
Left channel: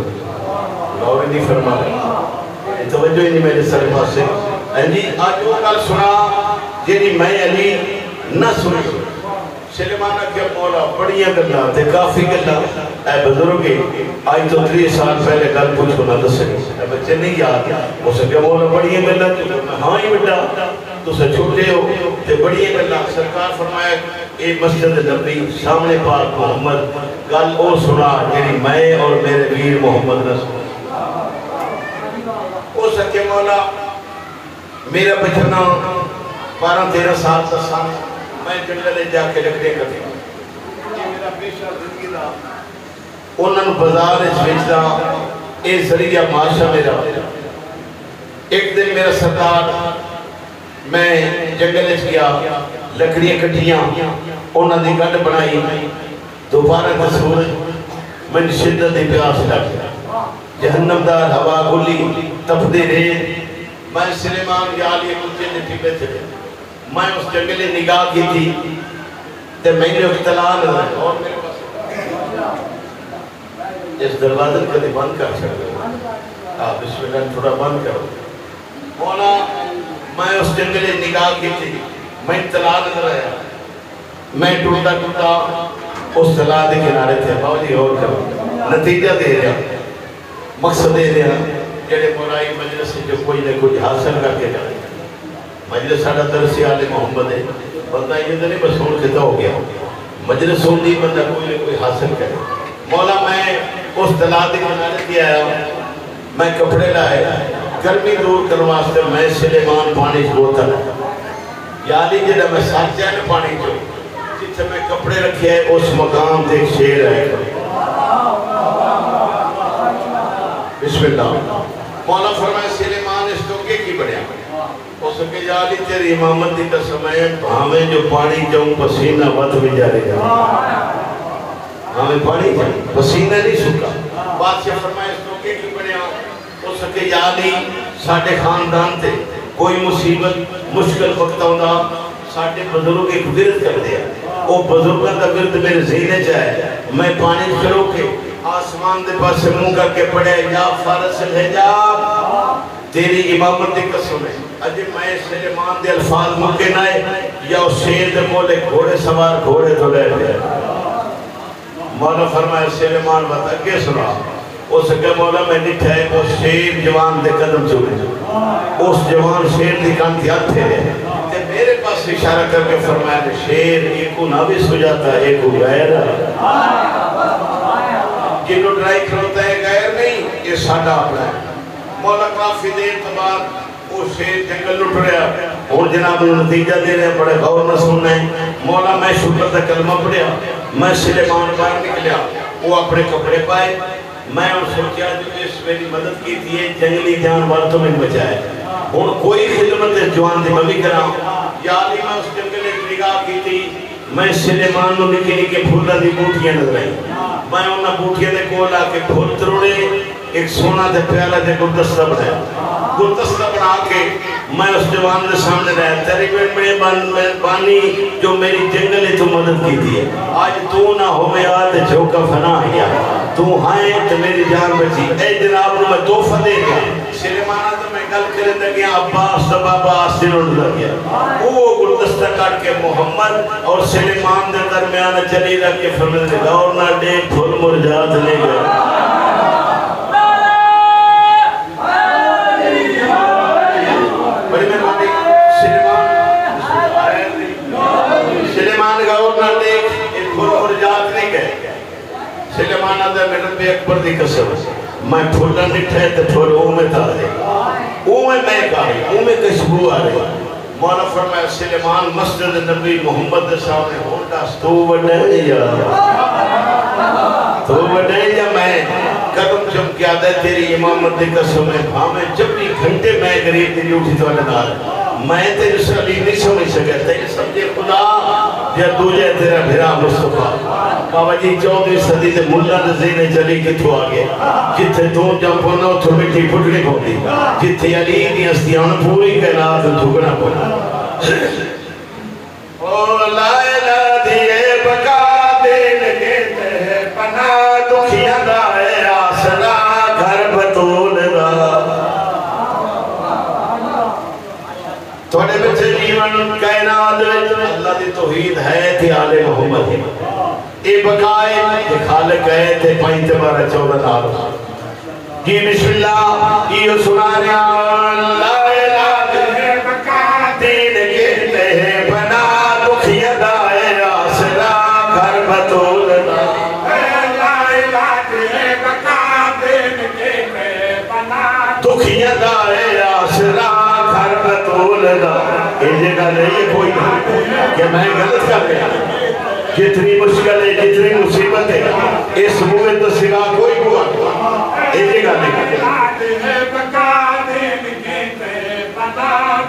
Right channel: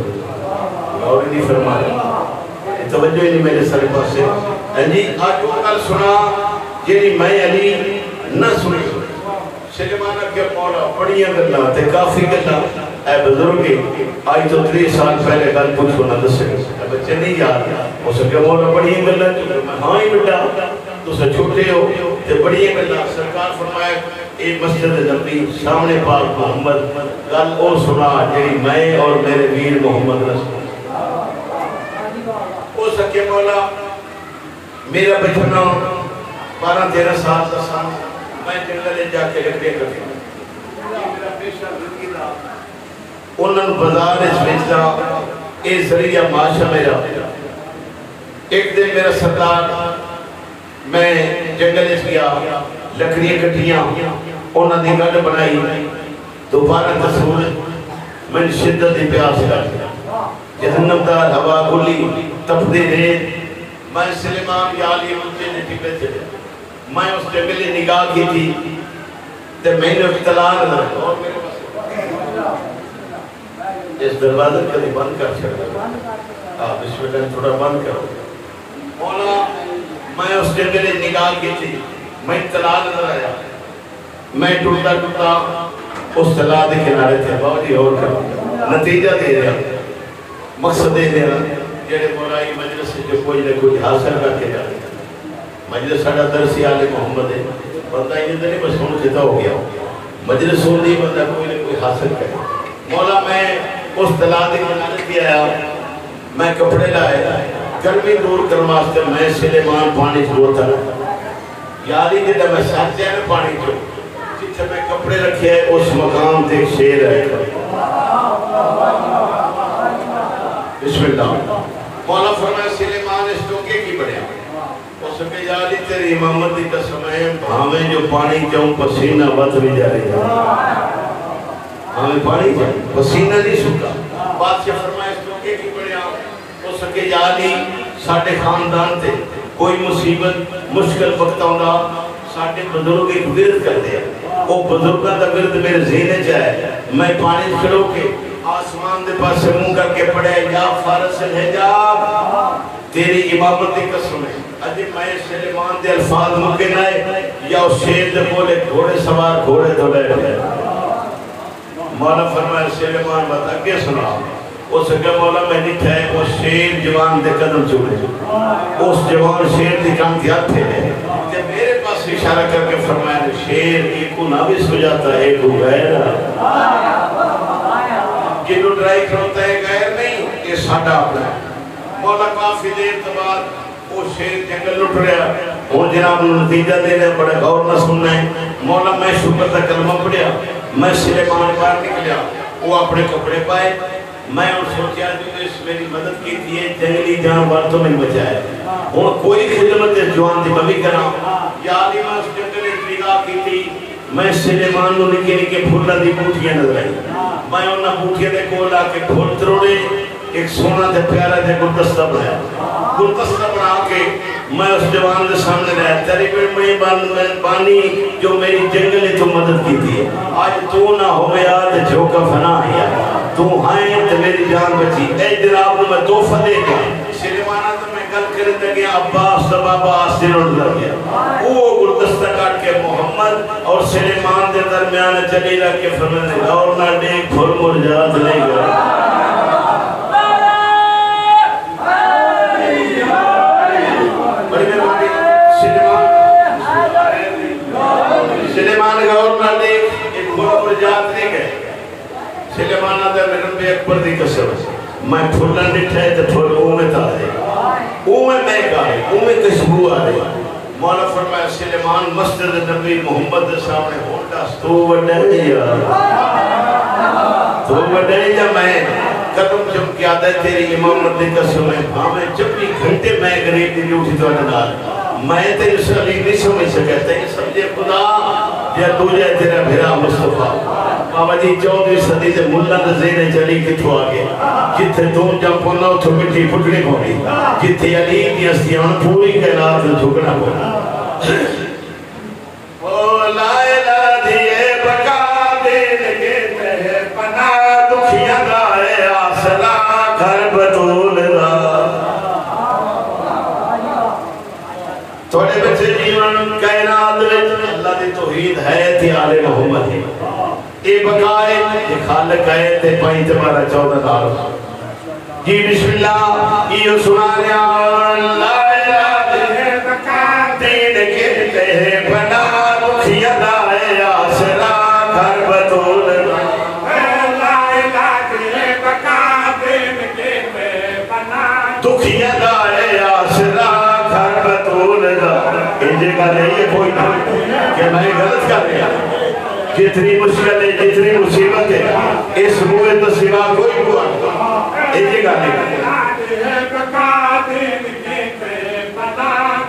اور نہیں فرما رہے توجہ ہی نہیں میرے سر پاس سے جی آج وہ کر سنا جنہی میں علی نہ سنے سلیمان کے مولا بڑیاں گلا تے کافی گلا اے بزرگی آج تو 3 سال پہلے گل پوچھو نہ دس اے بچے نہیں یاد ہو سکے مولا بڑیاں گلا تو ہاں ہی بڑا تو سے چھوٹے ہو تے بڑیاں گلا سرکار فرمائے اے مسجد نبی سامنے پاک محمد گل او سنا جنہی میں اور میرے ویر محمد نہ سنا او سکے مولا میرا بچنا 12-13 سال کا سال میں جنگلے جا کے لکڑیاں کرتی ہوں یہ میرا پیشہ زندگی دا انہوں بازار سوچتا اے ذریعہ معاشہ میرا ایک دن میرا سردار میں جنگلے گیا لکڑیاں کٹیاں انہوں نے گھڑ بنائی دوبارہ تصور میں شدت پیاس لگ جہنم دار ہوا گلی تفدے رہے میں سلیمان یا علی مجھے نے ٹھیکے چلے میں اس جنگلے نگاہ کی تھی تے میں نے اختلاع نہ اور میرے پاس اس دروازے کو بند کر چھڑا آپ اس میں تھوڑا بند کرو مولا میں اس جنگلے نگاہ کی تھی میں اطلاع نظر آیا میں ٹوٹا ٹوٹا اس طلاع دے کنارے تھے بہت ہی اور کر نتیجہ دے رہا مقصد دے رہا جیڑے مولائی مجلس سے جو کوئی نہ کوئی حاصل کر کے جاتے مجلس ساڑھا درسی آل محمد ہے بندہ یہ تو نہیں بس سن کتا ہو گیا مجلس سن دی بندہ کوئی نہ کوئی حاصل کرے مولا میں اس دلادی منالت بھی آیا میں کپڑے لائے گرمی دور کرماستے میں سلیمان پانی شروعتا یادی جدہ میں ساتھ جائے پانی جو جیسے میں کپڑے رکھے اس مقام دیکھ شیر ہے بسم اللہ مولا فرمائے سلیمان اس ٹوکے کی بڑھیا اس کے جالی تیری امامت دی قسم ہے ہمیں جو پانی جاؤں پسینہ بت بھی جا رہے ہیں ہمیں پانی جاؤں پسینہ نہیں سکتا بادشاہ فرمائے اس ٹوکے کی بڑھیا اس کے جالی ساڑھے خاندان تھے کوئی مصیبت مشکل وقت ہوگا ساڑھے بزرگوں کی ورد کر دیا وہ بزرگوں کا ورد میرے ذہن جائے میں پانی کھڑو کے آسمان دے پاس سے منہ کر کے پڑھے یا فارس الحجاب تیری امامت دی قسم ہے اجی میں سلیمان دے الفاظ مکے نائے یا اس شیر دے بولے گھوڑے سوار گھوڑے تو ڈے گئے مولا فرمائے سلیمان بتا کے سنا اس کے مولا میں نہیں تھے وہ شیر جوان دے قدم چولے اس جوان شیر دی کام دیا تھے کہ میرے پاس اشارہ کر کے فرمایا شیر ایک نہ بھی سو جاتا ایک غیر جنہوں ڈرائی کھڑوتا ہے غیر نہیں یہ ساڑھا اپنا ہے مولا کافی دیر تبار وہ شیر جنگل لٹ رہا اور جناب نتیجہ دے رہے بڑے غور نہ سننا ہے مولا میں شکر دا کلمہ پڑھیا میں سلیمان باہر نکلیا وہ اپنے کپڑے پائے میں اور سوچیا جو اس میری مدد کی تھی جنگلی جانور تو میں بچائے اور کوئی خدمت اس جوان دی ممی کرا یا علی میں اس جنگل نگاہ کی تھی میں سلیمان نو نکے نکے پھولا دی بوٹیاں نظر آئی میں انہاں بوٹیاں دے کولا کے پھول تروڑے ایک سونا دے پیارا دے گلدستہ بنایا گلدستہ بنا کے میں اس جوان دے سامنے رہا تیری مہربانی جو میری جنگل تو مدد کی تھی آج تو نہ ہوئے آدھے جھوکا فنا آیا تو ہائیں تو میری جان بچی اے جناب نے میں توفہ دے گا سلیمانہ تو میں گل کرتا گیا عباس و بابا آسن اڑ گیا وہ گلدستہ کاٹ کے محمد اور سلیمان دے درمیان درمیان چلی رکھ کے فرمائے اور نہ دیکھ پھول مرجات نہیں گیا سلیمان گورنر نے ایک پھول مرجات نہیں گئے سلیمان آدھے میں نبی اکبر دی قسم میں پھولا نٹھے تے پھول اومے تا دے اومے میں گائی اومے کشبو آ رہے مولا فرمایا سلیمان مسجد نبی محمد صاحب نے ہوتا تو وڈے یا میں قدم جب کیا دے تیری امامت دے قسم ہے ہمیں جب بھی گھنٹے میں گریب دی اٹھی تو اندال میں تیری سلی نہیں سمجھ سکے تیری سمجھے خدا یا تجھے تیرا بھرا مصطفیٰ بابا جی 14ویں صدی سے ملا نزینے چلی کتھو آگے جتھے دون جب پونا اتھو مٹی پھٹنی پوڑی جتھے علی کی ہستیاں پوری کائنات میں جھکنا پوڑی او لائلہ دیئے بکا دین کہتے ہیں پناہ دکھیاں دائے آسنا گھر بطول دا تھوڑے بچے جیون کائنات اللہ دی توحید ہے تھی آلِ محمد اے بقائے یہ خالق ہے تے پائیں تمہارا 14 نال جی بسم اللہ یہ سنانے لا الہ ہے بقا دین کہتے ہیں بنا دکھیا دائے آسرا گھر بطول لا الہ ہے بقا دین کہتے ہیں بنا دکھیا دائے آسرا گھر بطول لا یہ جگہ نہیں کوئی کہ میں غلط کر رہا جتنی مشکل ہے جتنی مصیبت ہے اس موے تو سوا کوئی ہوا ایک جگہ نہیں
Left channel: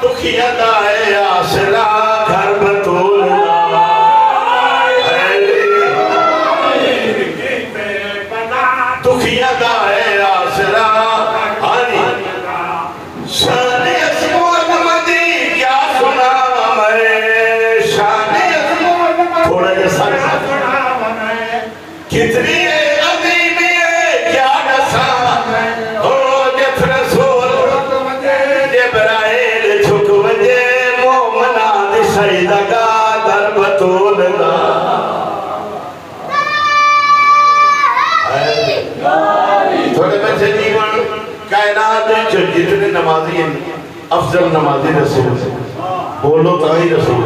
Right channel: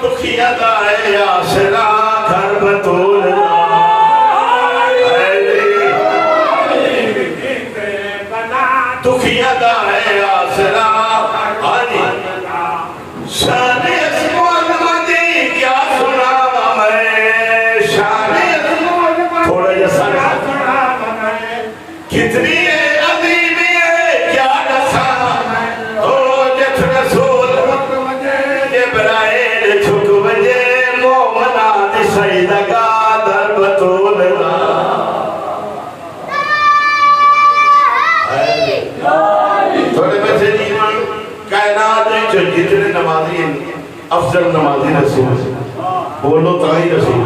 دکھیا دائے آسرا گھر بطول دکھیا دائے آسرا شان اسمو علمدی کیا سنا ہے شان اسمو تھوڑا جیسا کتنی عظیمی ہے کیا نسا ہو جت رسول جبرائیل چھک بجے مومنات شہیدگا در بطول تھوڑے بچے جیوان کائنات جو جتنے نمازی ہیں افضل نمازی رسول سے بولو تاہی رسول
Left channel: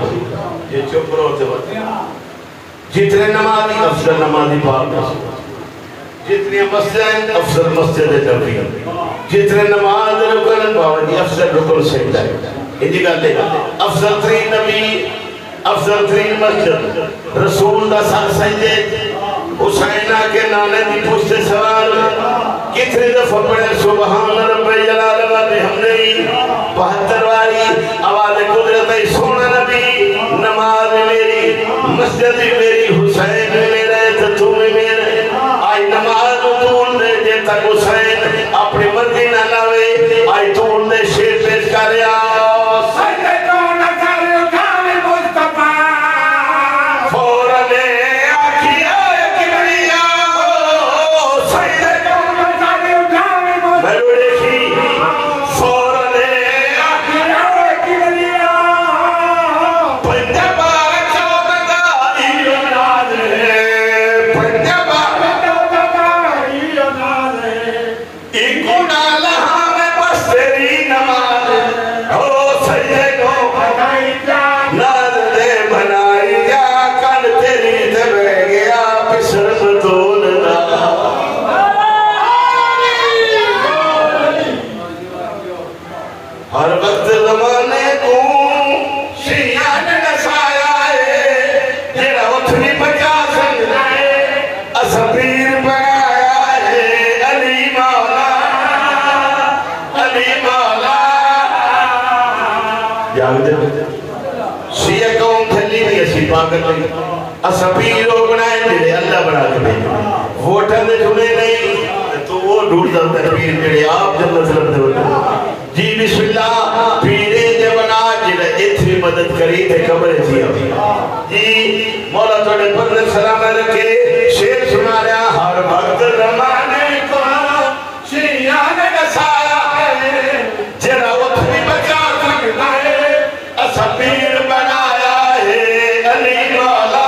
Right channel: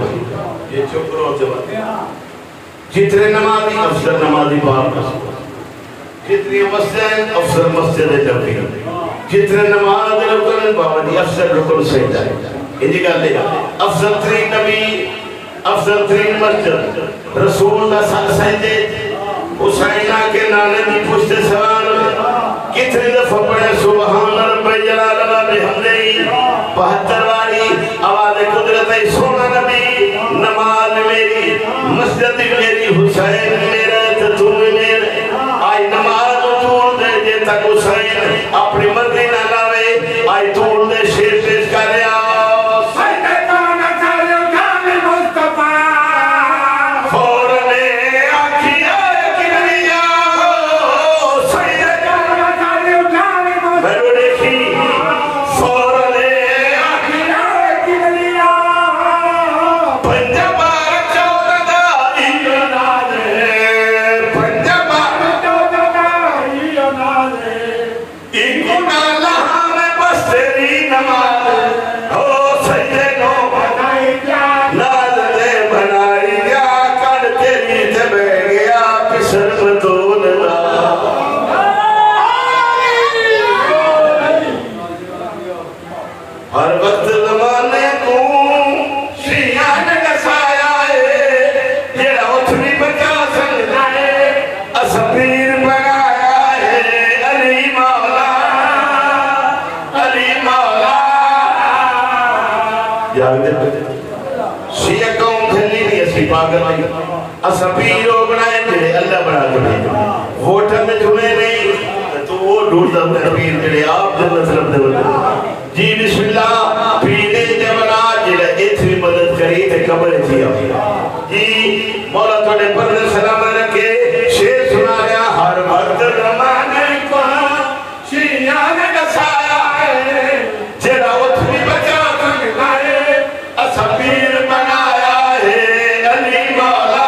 یہ چپ رہو ہوتے بات جتنے نمازی افضل نمازی باہر رسول جتنی مسجد ہیں افضل مسجد جبری جتنے نماز رکن باوری افضل رکن سجدہ ہے یہ گا لے افضل ترین نبی افضل ترین مسجد رسول دا ساتھ سجدے حسینہ کے نانے دی پشت سوال کتنے دفعہ پڑھے سبحان رب جلال و بحمدہ 72 واری آواز قدرت سونا نبی نماز میری مسجد میری حسین میرے تو میرے آئی نماز تون دے جے تک حسین اپنی مرضی نہ لاوے آئی تون دے شیر پیش کر رہا اسا پیر لوگ بنائے جڑے اللہ بنا کے بھیجے ووٹاں دے جمعے نہیں تو وہ ڈھونڈ دا پیر جڑے آپ جنت رب دے جی بسم اللہ پیرے جولا جڑے اتنی مدد کری تے قبر جی جی مولا توڑے پر سلام رکھے شیر سنا رہا ہر وقت رمانے کو شیعہ نے دسایا ہے جڑا اتنی بچا سکتا ہے اسا پیر بنایا ہے علی مولا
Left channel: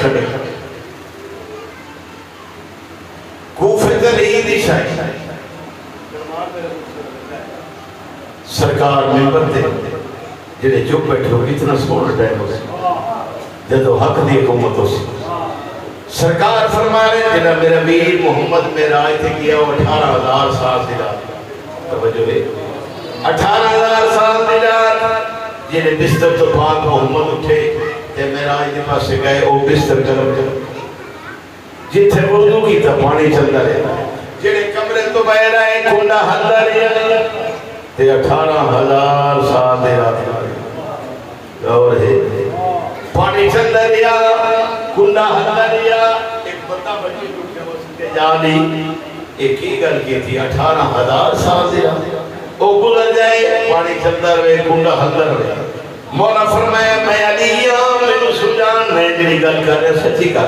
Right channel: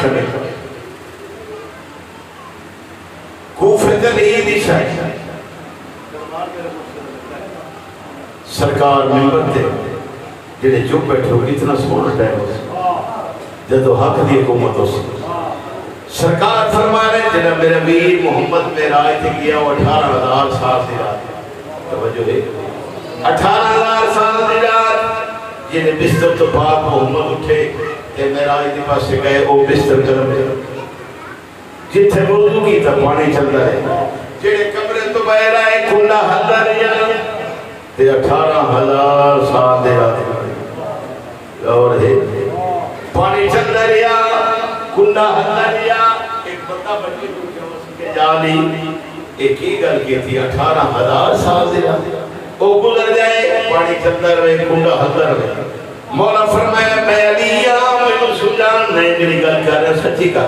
کھڑے کھڑے کوفے دلی دی شاہی سرکار ممبر تے جڑے چپ بیٹھے ہو اتنا سکون ٹائم ہو جدو حق دی حکومت ہو سرکار فرما رہے جنہا میرا میر محمد میرا آئے تھے کیا وہ 18,000 سال دی رات توجہ ہے 18,000 سال دی رات جنہیں بستر تو پاک محمد اٹھے تے میرا آئے تھے پاس سے گئے وہ بستر گرم کر جتھے وضو کی تا پانی چلتا رہے جنہیں کمرے تو بہر آئے کھنڈا حلدہ رہے تے 18,000 سال دے رات اور ہے پانی چلتا رہا کنڈا حلدہ رہا ایک بندہ بچی تو کیا ہو سکے جانی ایک ہی گل کی تھی 18,000 سال دے رہا وہ گزر جائے پانی چلتا رہے کنڈا حلدہ رہے مولا فرمایا میں علی میں سجان نہیں جنہی گل کر رہے سچی کا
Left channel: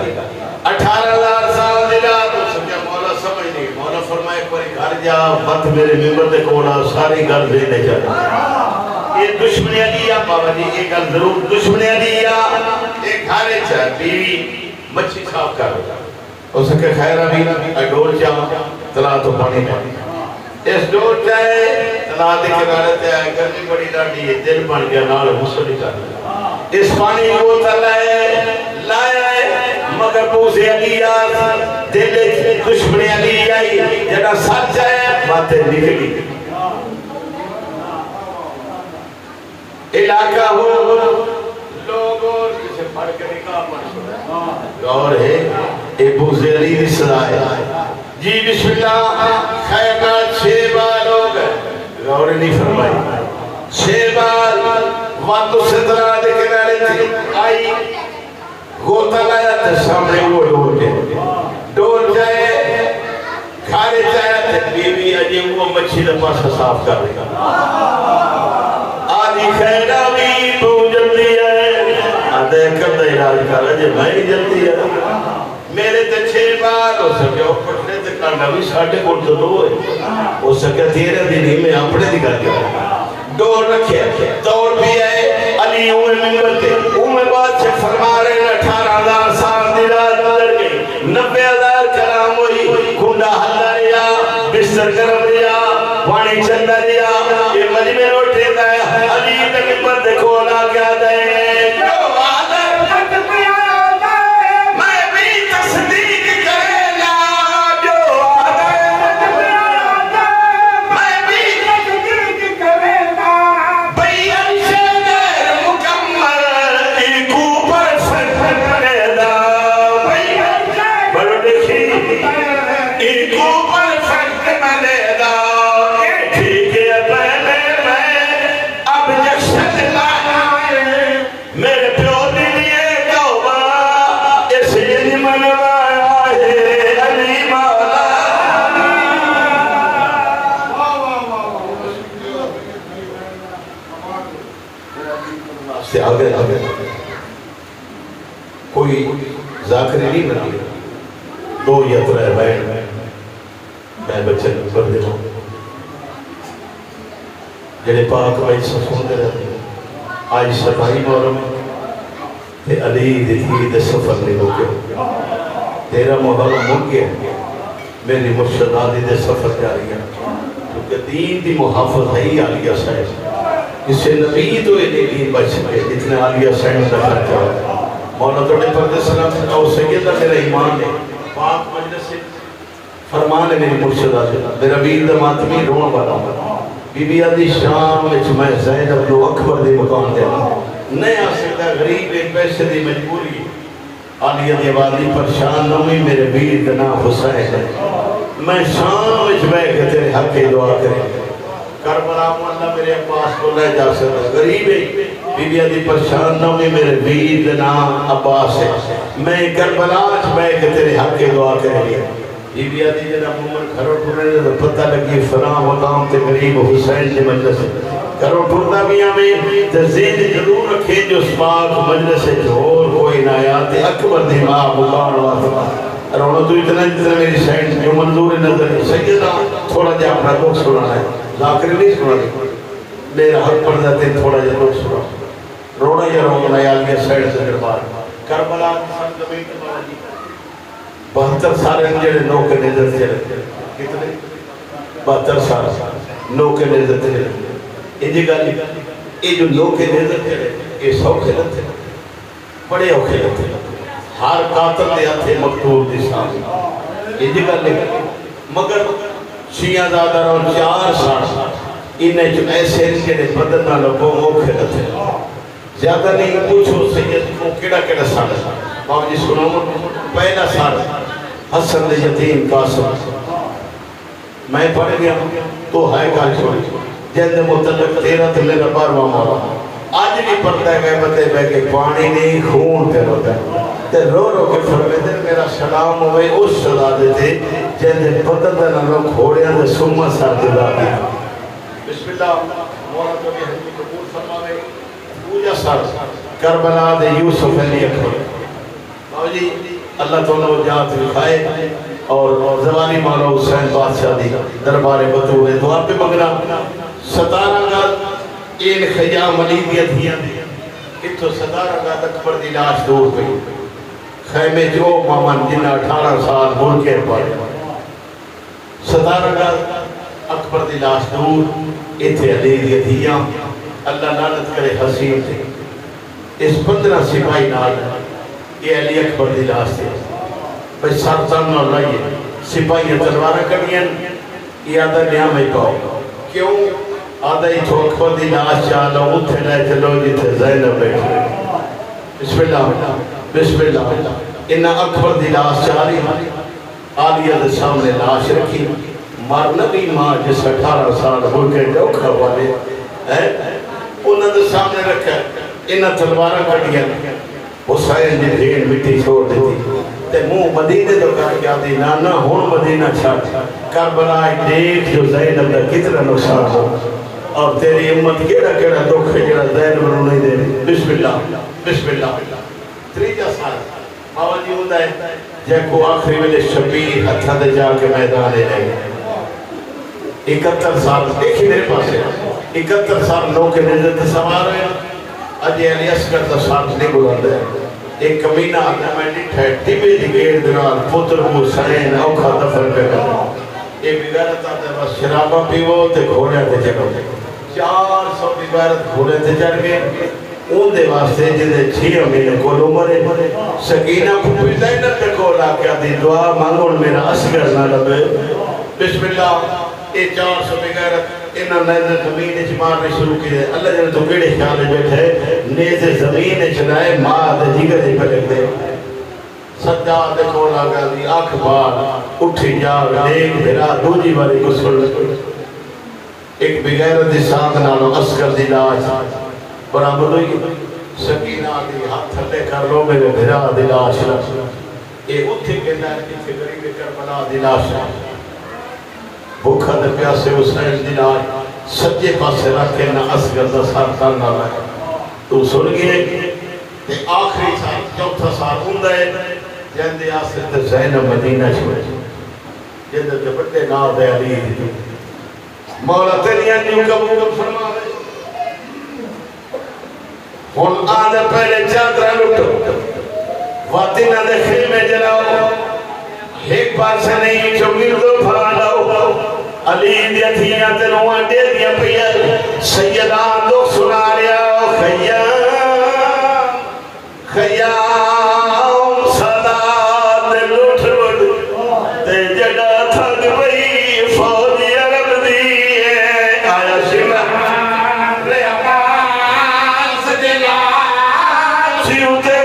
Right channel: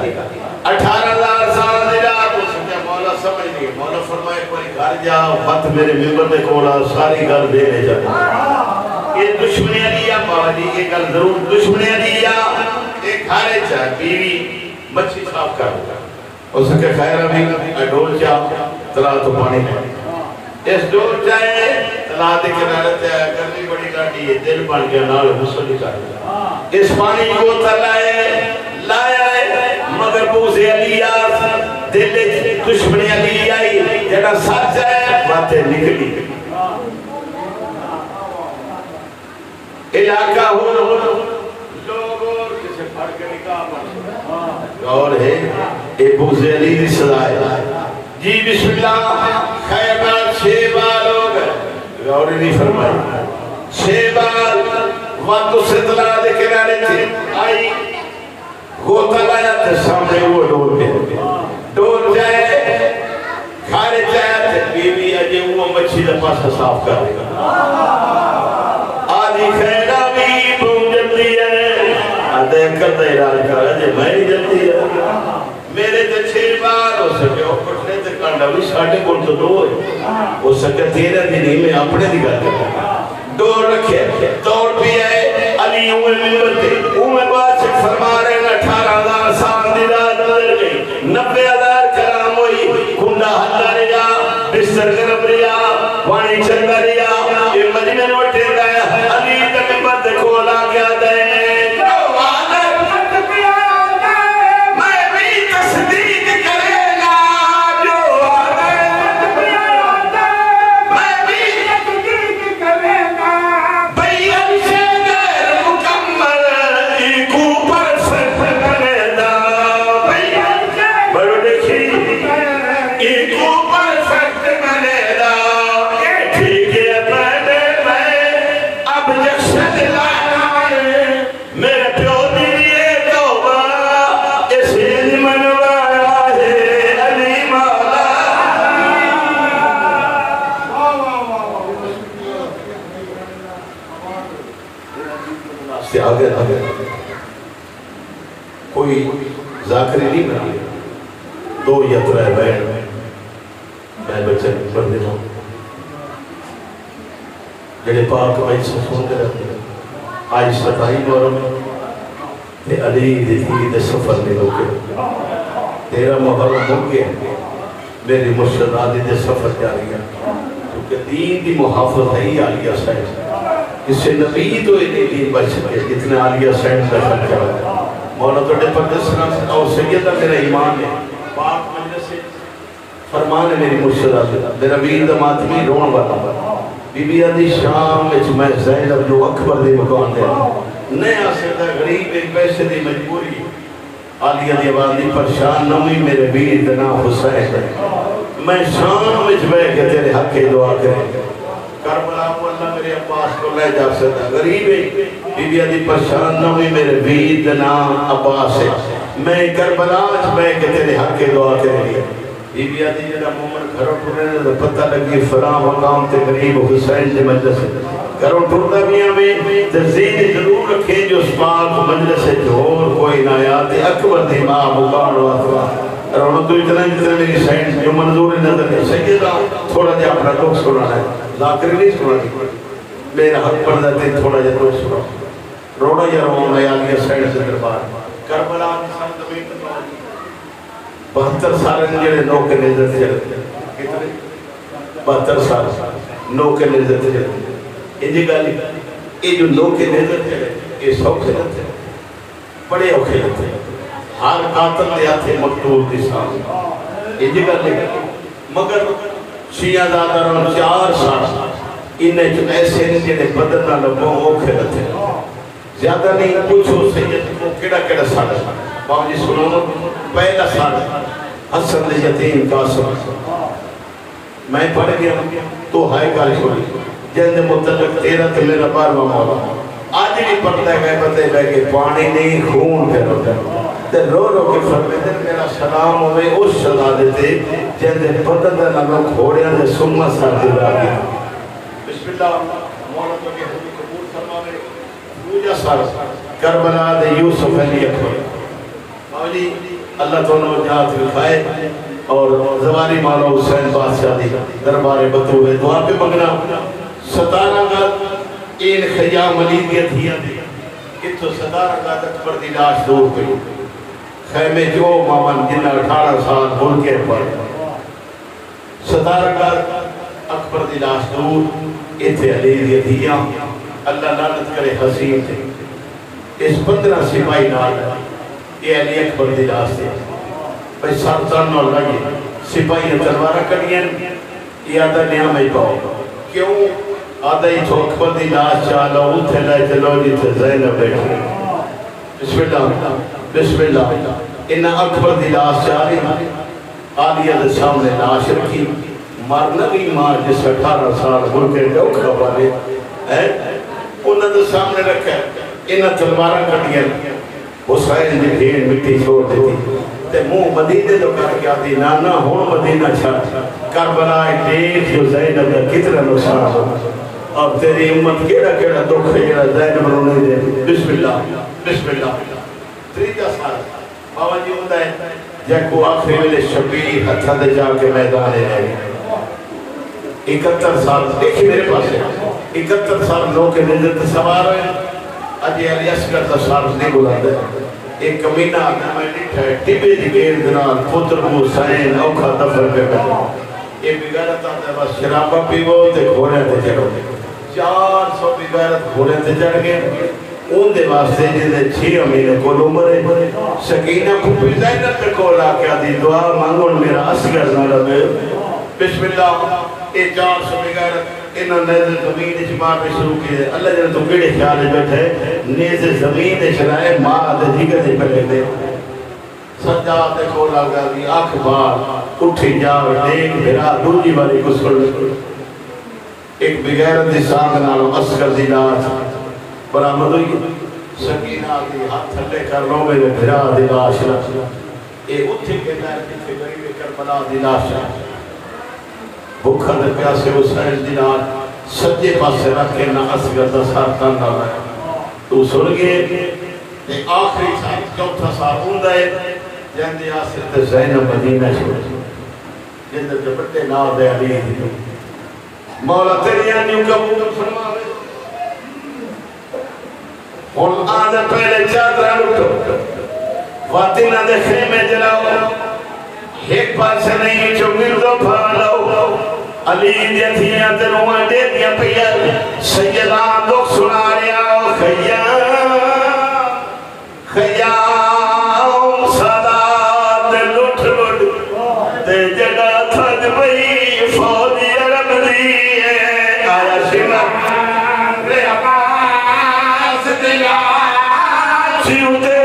18,000 سال دے رہا تو سکیا مولا سمجھ نہیں مولا فرمایا کوئی گھر جا بات میرے ممبر دے کولا ساری گھر دینے جاتا یہ دشمنی دیا بابا جی یہ گل ضرور دشمنی دیا ایک گھارے چاہ بیوی مچھی صاف کر ہو سکے خیر ابھی ڈول چاہ تلا تو پانی پانی اس ڈول چاہے تلا دے کنارے چاہے گرمی بڑی ڈاٹی ہے دل بن گیا نال مسلی چاہتا اس پانی کو تلائے لائے مگر بوزے علی آس دل دشمنی علی آئی جگہ سچ ہے باتیں نکلی علاقہ ہو لوگ اور کسے پڑھ کے نکاح پڑھ اور ہے اے بوزے علی دی صدای جی بسم اللہ خیرات 6 بار ہو گئے غور نہیں فرمائی 6 بار وقت سے درا دے کے نارے تھی آئی گوتا لایا تھے سامنے وہ ڈول کے ڈول جائے کھارے جائے تھے بیوی اجے وہ مچھی لپا سا صاف کر رہے آدھی خیرہ بھی تو جلدی ہے دیکھ کر دے راج کر رہے میں ہی جلدی ہے میرے تے 6 بار ہو سکے اور پٹنے تے کانڈا بھی 5.5 تو 2 ہے ہو سکے 13 دن میں اپنے دی کر دیا ڈور رکھے دوڑ بھی ہے علی اوہ ممبر تے اوہ بات سے فرما رہے ہیں 18,000 سال دی رات گزر گئی 90,000 کلام ہوئی کنڈا حلدہ رہا بستر گرم رہا پانی چلتا رہا یہ مجمع اٹھے گئے علی تے ممبر تے کھولا کیا دے کوئی ذاکری نہیں بنی 2 یا 3 بیٹھ میں بچے پر دے رہا ہوں جڑے پاک آئی سفوں دے رہتے ہیں آئی 27 محرم تے علی دھی دے سفر نہیں روکے 13 محرم ہو گیا میری مرشد آدھی دے سفر جاری ہے کیونکہ دین دی محافظ ہے ہی عالیہ صاحب اس سے نبی تو دین بچ سکے اتنے عالیہ صاحب کا خرچہ ہوتا ہے مولا توڑے پردے سلام او سیدہ میرا ایمان ہے پاک مجلس سے فرمان ہے میری مرشد آدھی میرا بیر دماتمی رون والا بی بی آدھی شام وچ میں زینب جو اکبر دے مکان دے نہیں آ سکتا غریب ایک پیسے دی مجبوری عالیہ دی آبادی پریشان نہ ہوئی میرے بیر دنا حسین میں شام وچ بیٹھ کے تیرے حق کی دعا کریں کربلا اللہ میرے عباس کو لے جا سکتا غریب ہے بی بی آدھی پریشان نہ ہوئی میرے بیر دنا عباس ہے میں کربلا وچ بیٹھ کے تیرے حق کی دعا کریں بی بی آدھی جنہ مومن گھروں ٹھوڑنے دے پتہ لگی فلاں مقام تے غریب حسین سے مجلس گھروں ٹھوڑنا بھی ہمیں تزید ضرور رکھے جو سپاک مجلس ہے جو اور کوئی نہ یاد اکبر دی ماں بکار اللہ رونا تو اتنا جتنا میری سائنس جو منظور نظر ہے سیدہ تھوڑا جا اپنا دکھ سنانا ہے ذاکر نہیں سنانا میرا حق پر جاتے تھوڑا جا دکھ سنا رونا یا رونا یا علیہ سائنس سے دربار کربلا سمجھ 72 سال جڑے نو کے نظر سے کتنے 72 سال نو کے نظر سے انجی گالی یہ جو نو کے نظر سے یہ سوکھے لتے بڑے اوکھے لتے ہر قاتل دے آتے مقتول دی سامنے انجی گالی مگر شیعہ زادہ رہا 4 سال انہیں جو ایسے جنہیں بدلنا لگوں اوکھے لتے زیادہ نہیں پوچھو سید کو کیڑا کیڑا سال بابا جی سنو پہلا سال حسن دے یتیم قاسم میں پڑھ گیا تو ہائے کال چھوڑی جن متعلق 13 تلے ربار مولا آج نہیں پڑھتا ہے بتے بے کہ پانی نہیں خون پہ ہوتا ہے تے رو رو کے فرمیدے میرا سلام ہوئے اس صدا دیتے جن دے پتن دے لگا کھوڑیاں دے سمہ سر دلا دیا بسم اللہ مولا تو کہ حضرت قبول فرمانے پوجا سر کربلا دے یوسف علی اکبر بابا جی اللہ تعالیٰ جات رکھائے اور زوانی مولا حسین بادشاہ دی دربار بطور دعا پہ مگنا 17 گات این خیام ملیدیت ہی آدھی اتو 17 گات اکبر دی لاش دور گئی خیمے جو مامن جنہ 18 سال دور کے پر 17 گات اکبر دی لاش دور ایتھے علیدیت ہی اللہ لعنت کرے حسین تھے اس 15 سپاہی نال یہ علی اکبر دی لاش تھے بھئی سارتان نہ لائیے سپاہی تلوارہ کڑیاں یہ آدھا نیام ہی پاؤ کیوں آدھا ہی تو اکبر دی لاش چالا اتھے لائے چلو جی تھے زینب بیٹھے بسم اللہ بسم اللہ انہا اکبر دی لاش چاری آلیہ دے سامنے لاش رکھی مارنا بھی ماں جس 18 سال ہو کے ڈوکھا والے انہا دے سامنے رکھا انہا تلوارہ کڑیاں حسین دی بھیڑ مٹی چھوڑ دیتی تے منہ مدینے تو کہا کیا دی نانا ہون مدینہ چھاڑ کربلائی دیکھ جو زینب دا کتنا نقصان ہو اور تیری امت کیڑا کیڑا دکھ ہے کیڑا زینب نو نہیں دے بسم اللہ بسم اللہ تریجہ سال بابا جی ہوندہ ہے جے کو آخری ملے شبیر ہتھا دے جا کے میدان لے گئے 71 سال دیکھیں میرے پاس ہے 71 سال لوگ کے نظر تصوار ہیں اجی علی اصغر دا سال نہیں بلاندے ایک کمینہ آگنا میں نہیں ہے ٹیبے دی گیر دنال پتر حسین اوکھا دفر پہ کرنا ایک بگارت آتا ہے بس شرابہ پیو تے گھوڑے تے چڑھو 400 بگارت گھوڑے تے چڑھ گئے ان دے واسطے جنہیں 6 مہینے کو عمرے سکینہ کو زینب پہ کولا کیا دی دعا مانگون میرا اصغر نہ لبے بسم اللہ یہ 400 بگارت انہاں نیزے زمین اچھ مارنے شروع کیے اللہ جنہاں تو بیڑے خیالے بیٹھے نیزے زمین اچھ رائے ماں دے جگر دے پڑے دے سجاد دے کولا گا دی آنکھ بار اٹھی جاؤ دیکھ بھیرا دوجی باری کو سن ایک بغیرت دی سامنالو اصغر دی لاش برآمد ہوئی سکینہ دی ہاتھ تھلے کر لو میرے بھیرا دی لاش اے اتھے کے لائے کتھے قریب کربلا دی لاش بھوکھا در پیاسے حسین دی لاش سجے پاسے رکھے نہ اصغر دا سارتان نہ لائے تو سن گئے تے آخری سال چوتھا سال ہوندہ ہے جہندے آسر تے زینب مدینہ چھوڑے جہندے تے بڑے نام دے علی دی مولا تیری انیوں کا حکم فرما دے ہون آدھے پہلے چادرہ لٹو واتینہ دے خیمے جلاؤ ایک پار سے نہیں جو مردو پھاڑاؤ علی دیا تھیاں تے روحاں دے دیا پیا سیدان لوگ سنا ریا خیام خیام صدا دے لٹھ لٹھ دے جگہ تھک بئی فوجی عرب دیئے آیا شمع رے عباس دلا چیوتے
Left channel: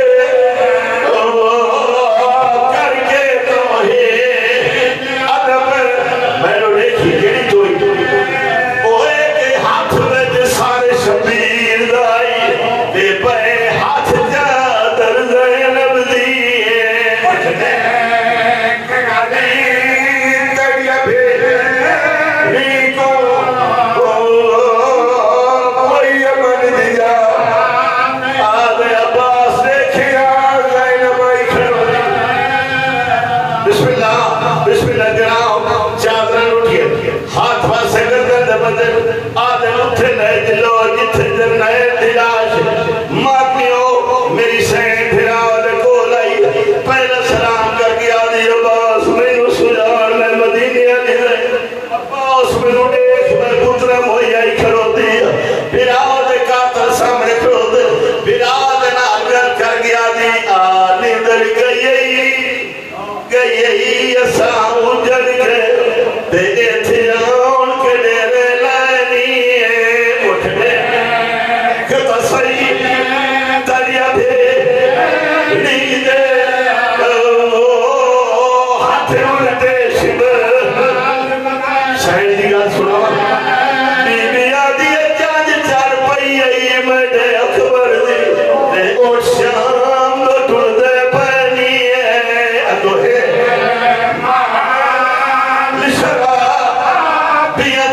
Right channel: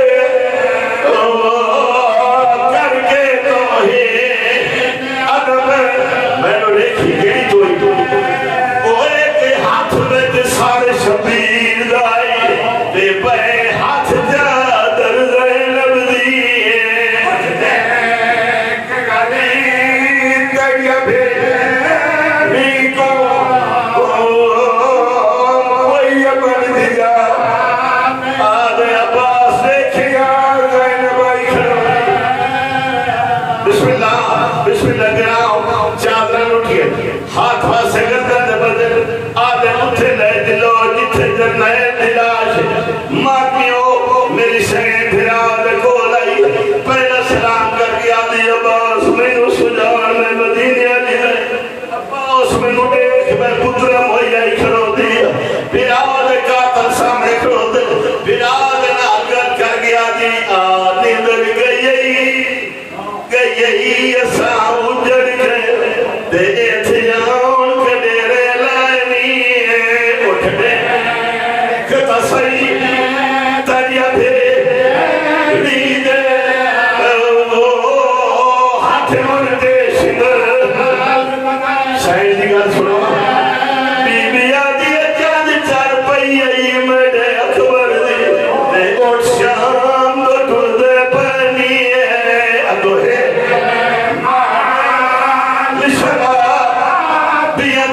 بیا